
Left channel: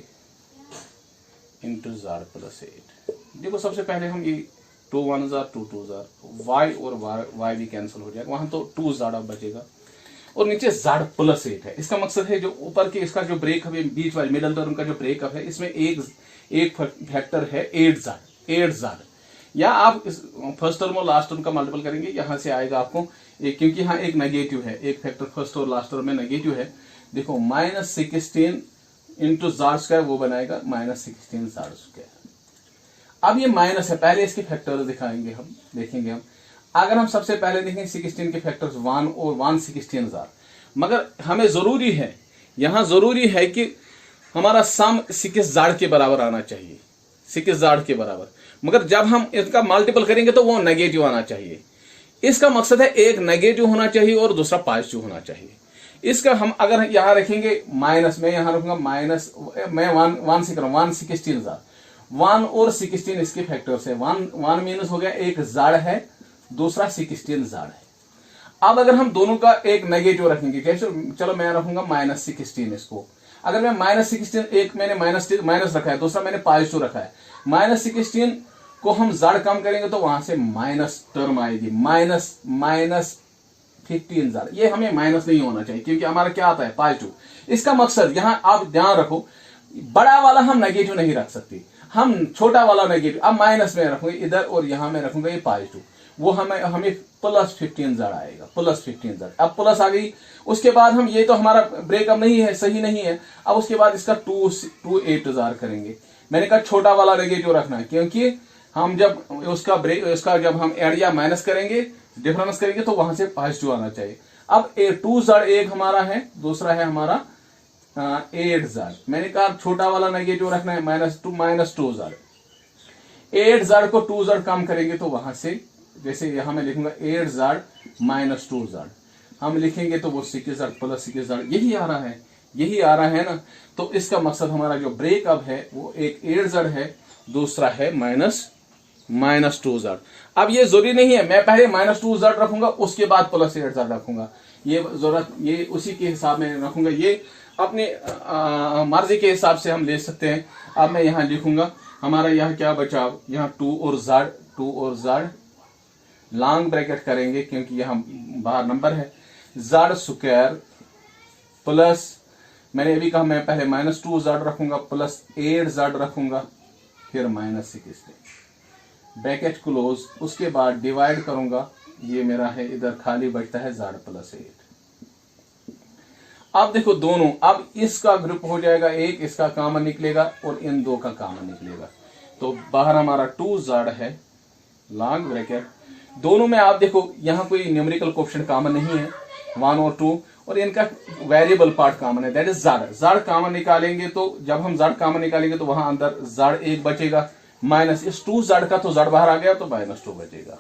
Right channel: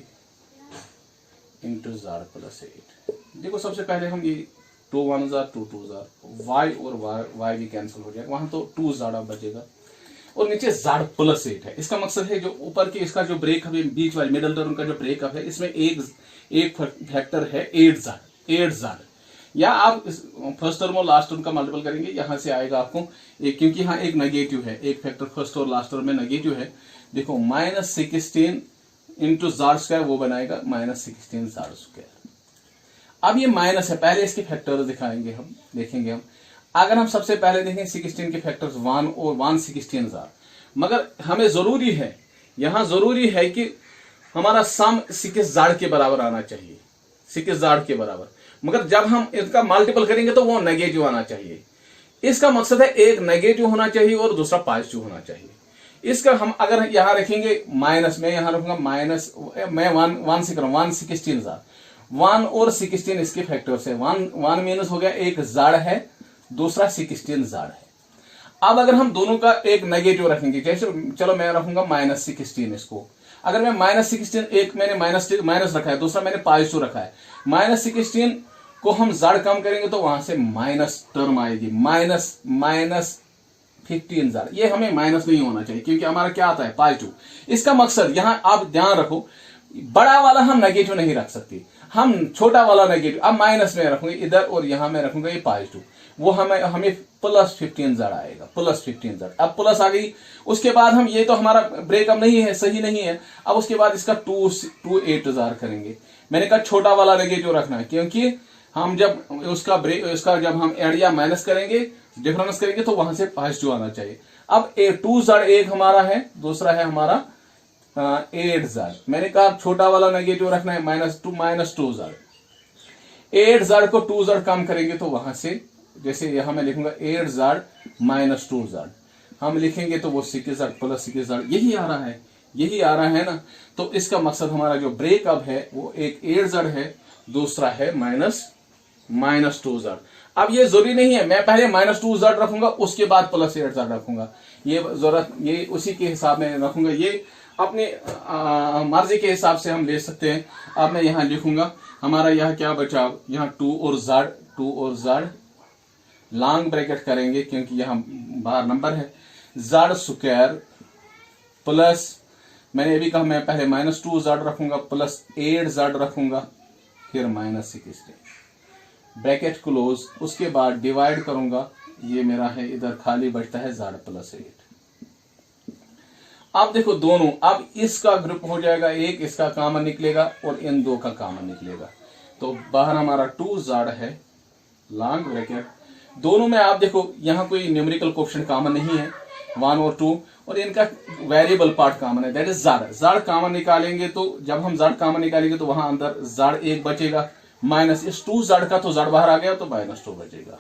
into z plus 8। देखो सबसे पहले हम ये 2 1 2 2 y और y भी कैंसिल हो जाएगा, वहां तो 2 z बचेगा, और नीचे z प्लस 8 है। इसका मकसद है जो ऊपर के इसका जो ब्रेकअप है, बीच वाले मिडल टर्म का जो ब्रेकअप है, इसमें एक फैक्टर है 8z। या आप इस फर्स्ट टर्म और लास्ट टर्म का मल्टीपल करेंगे, यहां से आएगा आपको एक, क्योंकि यहाँ एक नेगेटिव है, एक फैक्टर फर्स्ट और लास्ट टर्म में नेगेटिव है। देखो -16 इंटू ज़ाड स्क्वायर वो बनाएगा -16 ज़ाड स्क्वायर। अब ये माइनस है, पहले इसके फैक्टर्स दिखाएंगे हम, देखेंगे हम। अगर हम सबसे पहले देखें 16 के फैक्टर्स 1 और 116 ज़ाड, मगर हमें जरूरी है, यहां जरूरी है कि हमारा सम 6 ज़ाड के बराबर आना चाहिए, 6 ज़ाड के बराबर। मगर जब हम इसका मल्टीपल करेंगे तो वो नेगेटिव आना चाहिए। इसका मकसद है एक नेगेटिव होना चाहिए और दूसरा पॉजिटिव होना चाहिए। इसका हम अगर यहां रखेंगे माइनस, मैं यहां रखूंगा माइनस, मैं 1 से करूँ 116 ज़ाड, 1 और 16 इसके फैक्टर्स है। 1 मीनस हो गया, एक ज़ाड है, दूसरा 16 ज़ाड है। अब अगर हम दोनों का एक नेगेटिव रखेंगे, जैसे चलो मैं रखूंगा -16 इसको, अगर मैं -16, एक मैंने माइनस रखा है, दूसरा मैंने पॉजिटिव रखा है, -16 को हम ज़ाड कम करेंगे तो वहां से माइनस टर्म आएगी, -15 ज़ाड। ये हमें माइनस नहीं होना चाहिए क्योंकि हमारा क्या आता है पॉजिटिव। इसका मकसद यहां आप ध्यान रखो, बड़ा वाला हम नेगेटिव नहीं रख सकते, हम छोटा वाला नेगेटिव अब माइनस में रखूंगे इधर और यहां में रखूंगा ये पॉजिटिव, वो हमें +15 ज़ाड आएगा, +15 ज़ाड। अब प्लस आ गई, उसके बाद हम, ये तो हमारा ब्रेकअप नहीं है, सही नहीं है। अब उसके बाद इसका 2 ज़ाड करेंगे। मैंने कहा छोटा वाला नेगेटिव रखना है क्योंकि हम जब उसका जब हम ऐड या माइनस करेंगे, डिफरेंस करेंगे तो वहां से पॉजिटिव आना चाहिए। अब 2 ज़ाड एक हमारा है, दूसरा है हमारा 8 ज़ाड। मैंने कहा छोटा वाला नेगेटिव रखना है, -2 ज़ाड। 8 ज़ाड को 2 ज़ाड कम करेंगे तो वहां से, जैसे यहां मैं लिखूंगा 8 ज़ाड -2 ज़ाड, हम लिखेंगे तो वो 6 ज़ाड +6 ज़ाड, यही आ रहा है, यही आ रहा है ना। तो इसका मकसद हमारा जो ब्रेकअप है वो एक 8 ज़ाड है, दूसरा है -2 ज़ाड। अब ये जरूरी नहीं है मैं पहले -2 ज़ाड रखूंगा उसके बाद +8 ज़ाड रखूंगा, ये जरूरत, ये उसी के हिसाब में रखूंगा, ये अपने मर्जी के हिसाब से हम ले सकते हैं। अब मैं यहां लिखूंगा, हमारा यहाँ क्या बचा, यहाँ 2 और ज़ाड लॉन्ग ब्रैकेट करेंगे क्योंकि यहाँ बाहर नंबर है, ज़ाड स्क्वायर प्लस, मैंने अभी कहा मैं पहले -2 ज़ाड रखूंगा, +8 ज़ाड रखूंगा, फिर -16 ब्रैकेट क्लोज, उसके बाद डिवाइड करूंगा, ये मेरा है, इधर खाली बचता है ज़ाड +8। अब देखो दोनों, अब इसका ग्रुप हो जाएगा एक, इसका कॉमन निकलेगा और इन दो का कॉमन निकलेगा, तो बाहर हमारा 2 ज़ाड है, लॉन्ग ब्रैकेट, दोनों में आप देखो यहाँ कोई न्यूमेरिकल कोएफिशिएंट कॉमन नहीं है, 1 और 2, और इनका वेरिएबल पार्ट कॉमन है, दैट इज ज़ाड कॉमन निकालेंगे तो जब हम ज़ाड कॉमन निकालेंगे तो वहां अंदर ज़ाड 1 बचेगा, माइनस इस 2 ज़ाड का तो ज़ाड बाहर आ गया तो -2 बचेगा।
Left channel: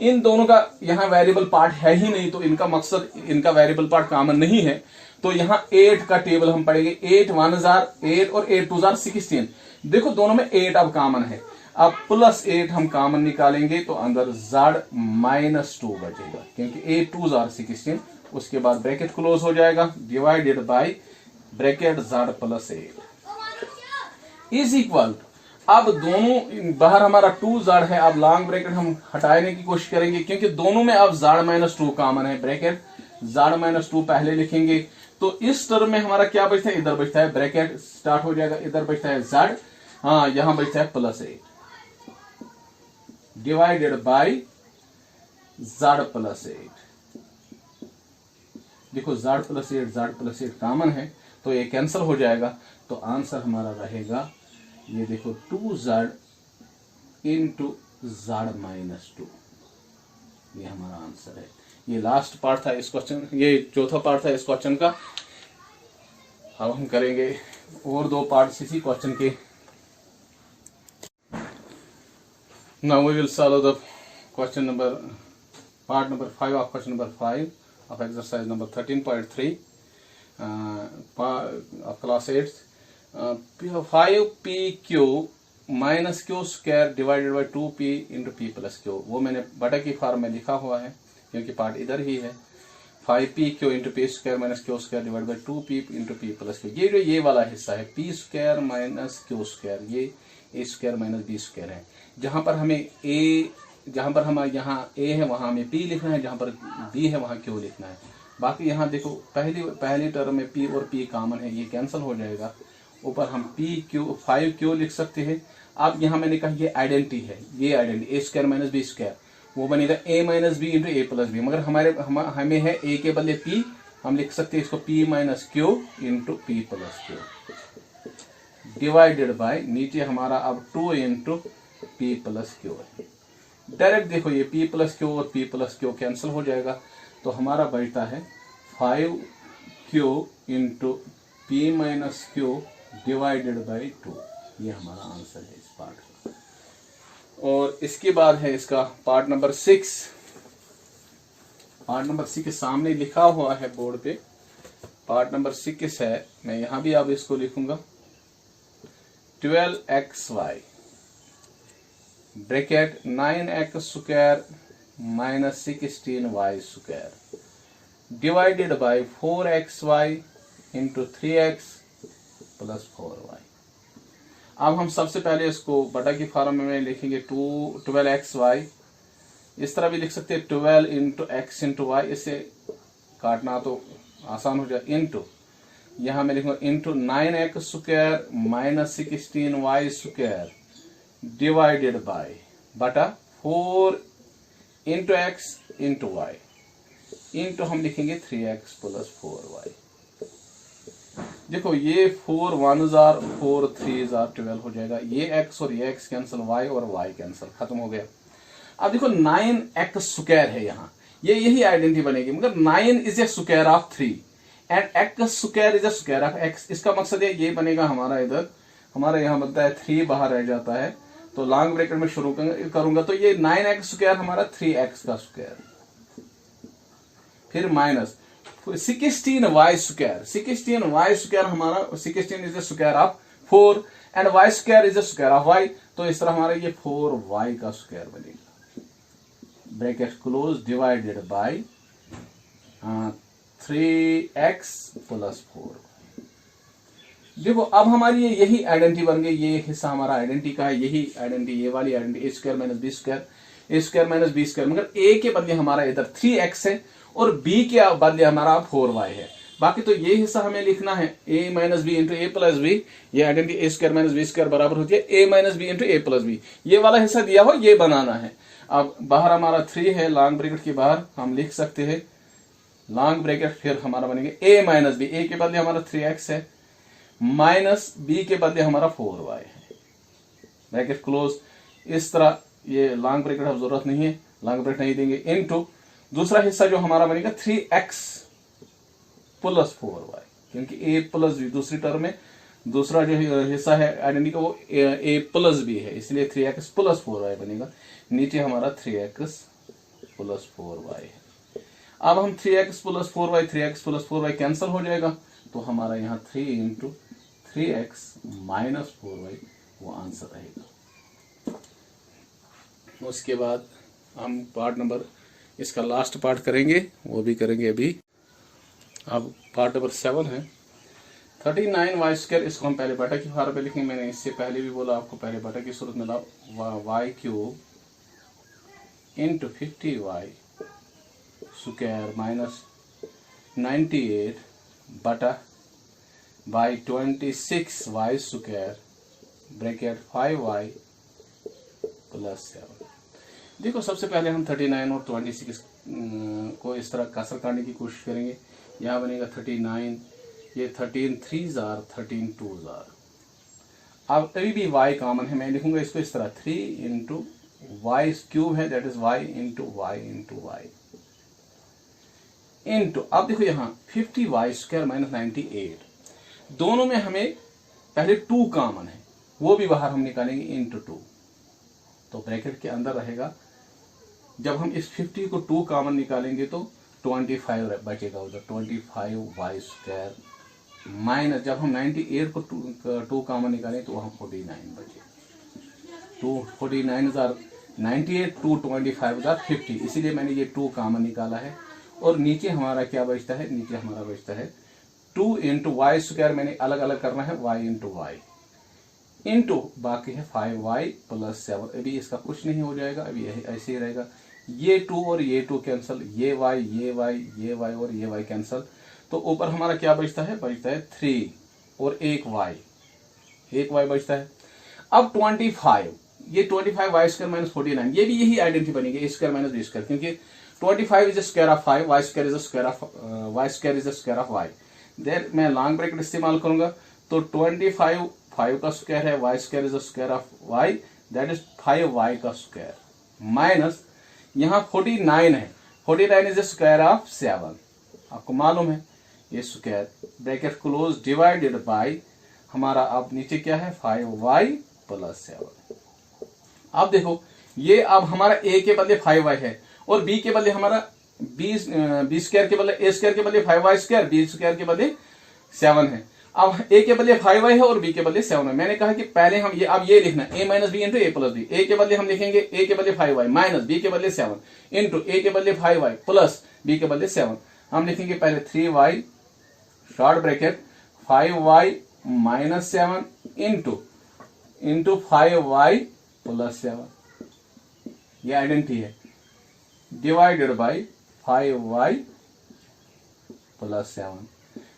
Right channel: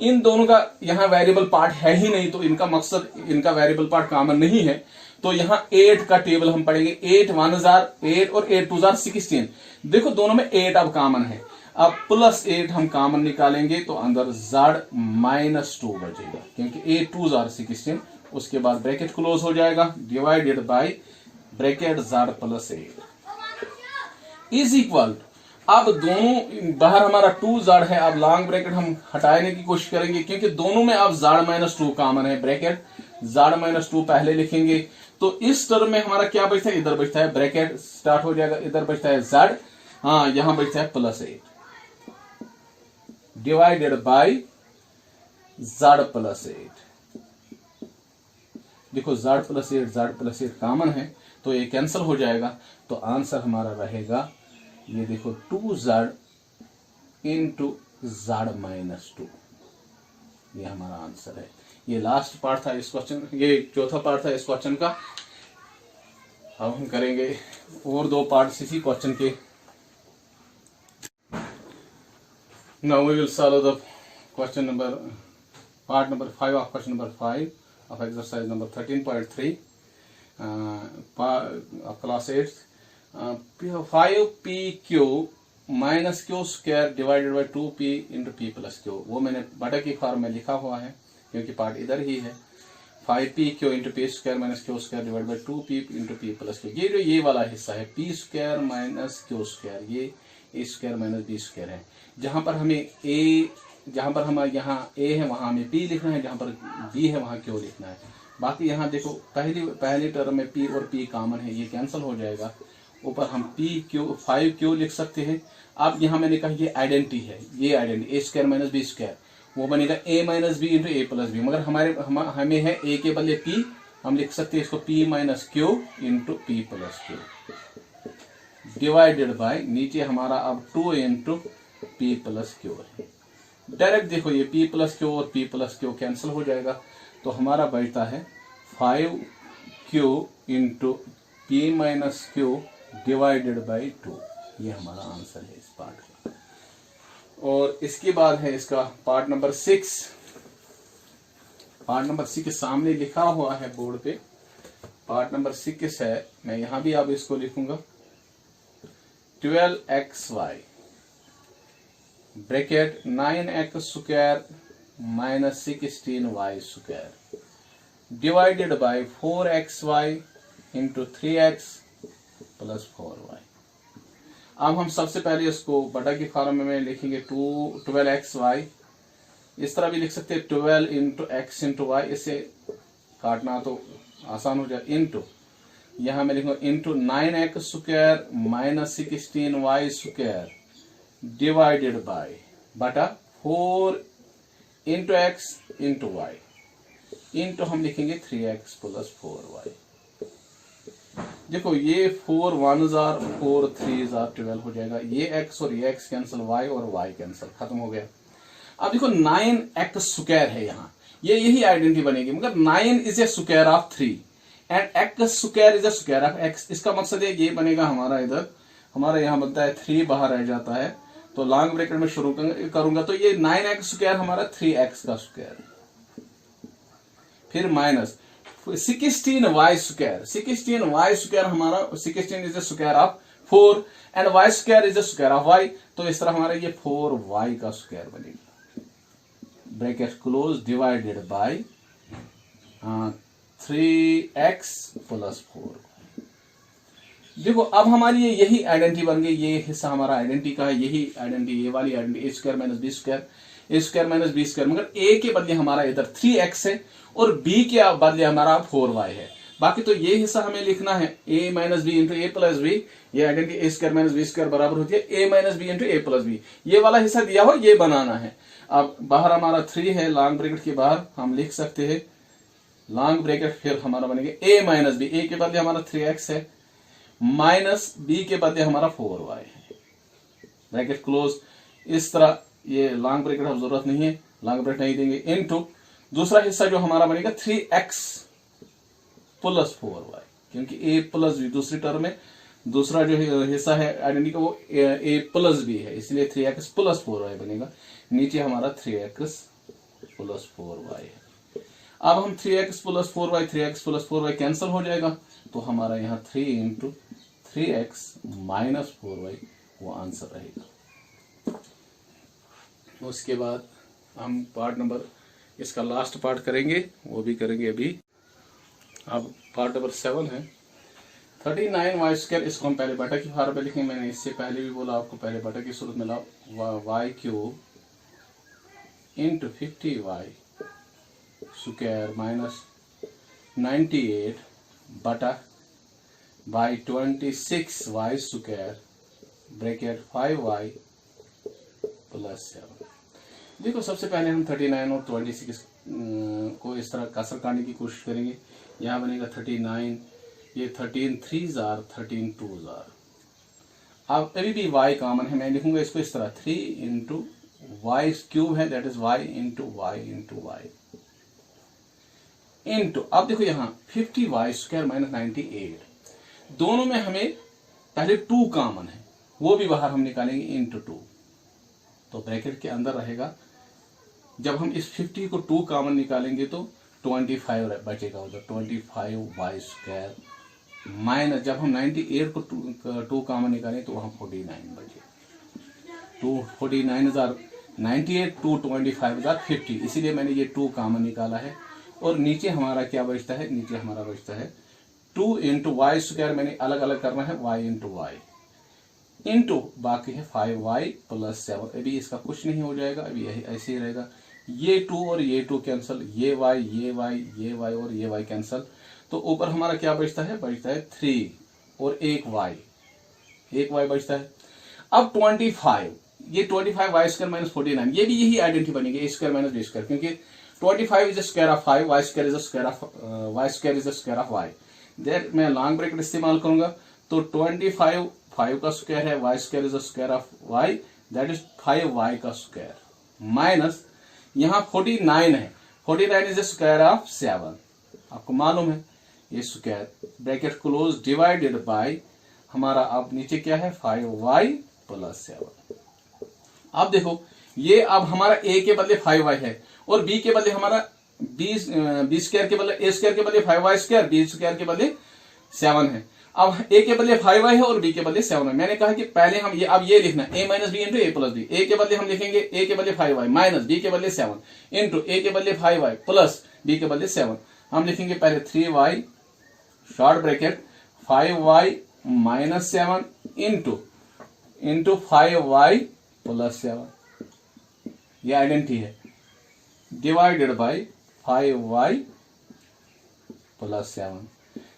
इन दोनों का यहाँ वेरिएबल पार्ट है ही नहीं, तो इनका मकसद, इनका वेरिएबल पार्ट कॉमन नहीं है, तो यहाँ 8 का टेबल हम पढ़ेंगे, 8 1 ज़ाड 8 और 8 2 ज़ाड 16। देखो दोनों में 8 अब कॉमन है, अब +8 हम कॉमन निकालेंगे तो अंदर ज़ाड -2 बचेगा क्योंकि 8 2 ज़ाड 16, उसके बाद ब्रैकेट क्लोज हो जाएगा, divided by bracket Z +8 is equal. अब दोनों बाहर हमारा 2 ज़ाड है, अब लॉन्ग ब्रैकेट हम हटाने की कोशिश करेंगे क्योंकि दोनों में अब ज़ाड -2 कॉमन है, ब्रैकेट ज़ाड -2 पहले लिखेंगे तो इस टर्म में हमारा क्या बचता है, इधर बचता है, ब्रैकेट स्टार्ट हो जाएगा, इधर बचता है ज़ाड, हाँ यहां बचता है +8 डिवाइडेड बाय ज़ाड +8। देखो ज़ाड +8 कॉमन है तो ये कैंसिल हो जाएगा, तो आंसर हमारा रहेगा, ये देखो 2 ज़ाड इंटू ज़ाड -2, ये हमारा आंसर है। ये लास्ट पार्ट था इस क्वेश्चन, ये चौथा पार्ट था इस क्वेश्चन का। अब हम करेंगे और 2 पार्ट इसी क्वेश्चन के। Now we will solve the part number 5 of question number 5 of exercise number 13.3 of class 8. 5pq minus q square divided by 2p into p plus q, वो मैंने बटा की फॉर्म में लिखा हुआ है क्योंकि पार्ट इधर ही है। 5pq into p square minus q square divided by 2p into p plus q, ये जो ये वाला हिस्सा है p square minus q square, ये a square minus b square है। जहां पर हमें जहां पर हमारे यहाँ a है वहां हमें p लिखना है, जहां पर b है वहां q लिखना है। बाकी यहाँ देखो पहली टर्म में p और p कॉमन है, ये कैंसिल हो जाएगा। ऊपर हम 5q लिख सकते हैं। अब यहाँ मैंने कहा ये आइडेंटिटी है, ये identity A square minus B square, वो बनेगा ए minus B into A plus B, मगर हमें है ए के बदले पी, हम लिख सकते हैं इसको P minus Q into P plus Q divided by नीचे हमारा अब 2 इंटू पी प्लस क्यू है। डायरेक्ट देखो ये पी प्लस क्यू और पी प्लस क्यू कैंसिल हो जाएगा, तो हमारा बचता है 5 Q into P minus Q divided by 2। ये हमारा आंसर है इस पार्ट का। और इसके बाद है इसका पार्ट नंबर 6। पार्ट नंबर 6 के सामने लिखा हुआ है बोर्ड पे, पार्ट नंबर 6 है, मैं यहां भी अब इसको लिखूंगा 12xy bracket 9x square minus 16y square divided by 4xy into 3x plus 4y। अब हम सबसे पहले इसको बटा की फॉर्म में लिखेंगे 12xy, इस तरह भी लिख सकते हैं 12 इंटू एक्स इंटू वाई, इसे काटना तो आसान हो जाए, इंटू यहां मैं लिखूंगा into 9x square minus 16y square divided by बटा 4 into x into y into हम लिखेंगे 3x प्लस 4y। देखो ये 4 1s are 4 3s are 12 हो जाएगा, ये x और ये x कैंसिल, y और y कैंसिल, खत्म हो गया। अब देखो 9x स्क्वायर है यहाँ, ये यही आइडेंटिटी बनेगी, मगर 9 is a square of 3 and x square is a square of x। इसका मकसद है ये बनेगा हमारा, इधर हमारा यहाँ बनता है 3 बाहर रह जाता है, तो लॉन्ग ब्रैकेट में शुरू करूंगा, तो ये 9x स्क्वायर हमारा 3x का स्क्वायर, फिर minus 16y square, 16y square हमारा 16 is the square of 4 and y square is the square of y, तो इस तरह हमारा ये 4y का स्क्वायर बनेगा, bracket close divided by 3x plus 4y। देखो अब हमारी यही आइडेंटिटी बन गई, ये हिस्सा हमारा आइडेंटिटी का है, यही आइडेंटिटी, ये वाली identity A square minus B square, A square minus B square, मगर ए के बदले हमारा इधर 3x है और b के बदले हमारा 4y है। बाकी तो ये हिस्सा हमें लिखना है a minus B into A plus B, ये identity A square minus B square बराबर होती है a minus B into A plus B, ये वाला हिस्सा दिया हो ये बनाना है। अब बाहर हमारा 3 है, लॉन्ग ब्रैकेट के बाहर हम लिख सकते हैं लॉन्ग ब्रैकेट, फिर हमारा बनेगा a माइनस बी, a के बदले हमारा 3x है, माइनस b के बदले हमारा 4y है, ब्रैकेट क्लोज। इस तरह ये लॉन्ग ब्रैकेट अब जरूरत नहीं है, लॉन्ग ब्रैकेट नहीं देंगे, इनटू दूसरा हिस्सा जो हमारा बनेगा 3x प्लस 4y, क्योंकि a प्लस बी दूसरी टर्म में, दूसरा जो हिस्सा है आइडेंटिटी का वो a प्लस बी है, इसलिए 3x प्लस 4y बनेगा, नीचे हमारा 3x प्लस 4y है। अब हम 3x plus 4y, 3x plus 4y cancel हो जाएगा, तो हमारा यहाँ 3 इंटू 3x माइनस 4y वो आंसर रहेगा। उसके बाद हम पार्ट नंबर, इसका लास्ट पार्ट करेंगे, वो भी करेंगे अभी। अब पार्ट नंबर 7 है 39y स्क्वायर, इसको हम पहले बटा की फॉर्म में लिखेंगे, मैंने इससे पहले भी बोला आपको, पहले बटा की सूरत में लाओ y cube into 50y square minus 98 बटा by 26y square bracket 5y plus 7। देखो सबसे पहले हम 39 और 26 को इस तरह कसर करने की कोशिश करेंगे, यहाँ बनेगा 39, ये 13 3s are 13 2s are। अब अभी भी y कॉमन है, मैं लिखूंगा इसको इस तरह 3 इंटू वाई क्यूब है, that is y into y into y into, अब देखो यहाँ 50y स्क्वायर माइनस 98, दोनों में हमें पहले 2 कॉमन है, वो भी बाहर हम निकालेंगे इंटू 2, तो ब्रैकेट के अंदर रहेगा। जब हम इस 50 को 2 कॉमन निकालेंगे तो 25 बचेगा उधर, 25y स्क्वायर माइनस, जब हम 98 को 2 कॉमन निकालें तो वहाँ 49 बचे, 249 98 225 50, इसीलिए मैंने ये 2 कॉमन निकाला है। और नीचे हमारा क्या बचता है, नीचे हमारा बचता है 2 इंटू वाई स्क्वायर, मैंने अलग अलग करना है y इंटू वाई इंटू बाकी है 5y प्लस 7, अभी इसका कुछ नहीं हो जाएगा, अभी यही ऐसे ही रहेगा, ये 2 और ये 2 कैंसिल, ये y ये y ये y और ये y कैंसिल, तो ऊपर हमारा क्या बचता है, बचता है 3 और एक y बचता है। अब 25, ये 25 वाई स्क्वायर माइनस 49, ये भी यही आइडेंटिटी बनेगी, A square minus B square, क्योंकि 25 is the square of 5, y square is the square of y. There मैं लॉन्ग ब्रैकेट इस्तेमाल करूंगा, तो 25 5 का स्क्वायर है, y square is the square of y, that is 5y का square, minus यहाँ 49 है, 49 इज द स्क्वायर ऑफ 7, आपको मालूम है ये square, bracket close, divided by हमारा अब नीचे क्या है 5y प्लस 7। अब देखो ये अब हमारा a के बदले 5y है और b के बदले हमारा b स्क्वायर के बदले a स्क्वायर के बदले 5y स्क्वायर, b स्क्वायर के बदले 7 है। अब a के बदले 5y है और b के बदले 7 है। मैंने कहा कि पहले हम ये अब ये लिखना a minus B into A plus B, a के बदले हम लिखेंगे a के बदले 5y माइनस b के बदले 7 इंटू a के बदले 5y प्लस b के बदले 7। हम लिखेंगे पहले 3y short bracket 5y minus 7 into 5y plus 7, ये आइडेंटिटी है, डिवाइडेड बाय 5y प्लस 7।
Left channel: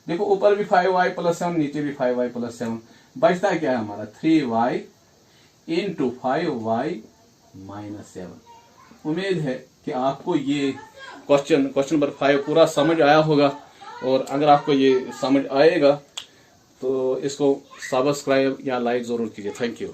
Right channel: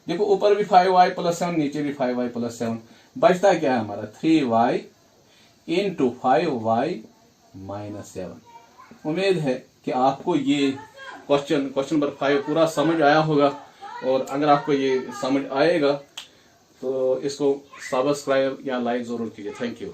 देखो ऊपर भी 5y प्लस 7, नीचे भी 5y प्लस 7, बचता क्या है हमारा 3y इंटू 5y माइनस 7। उम्मीद है कि आपको ये क्वेश्चन नंबर 5 पूरा समझ आया होगा, और अगर आपको ये समझ आएगा तो इसको सब्सक्राइब या लाइक जरूर कीजिए। Thank you.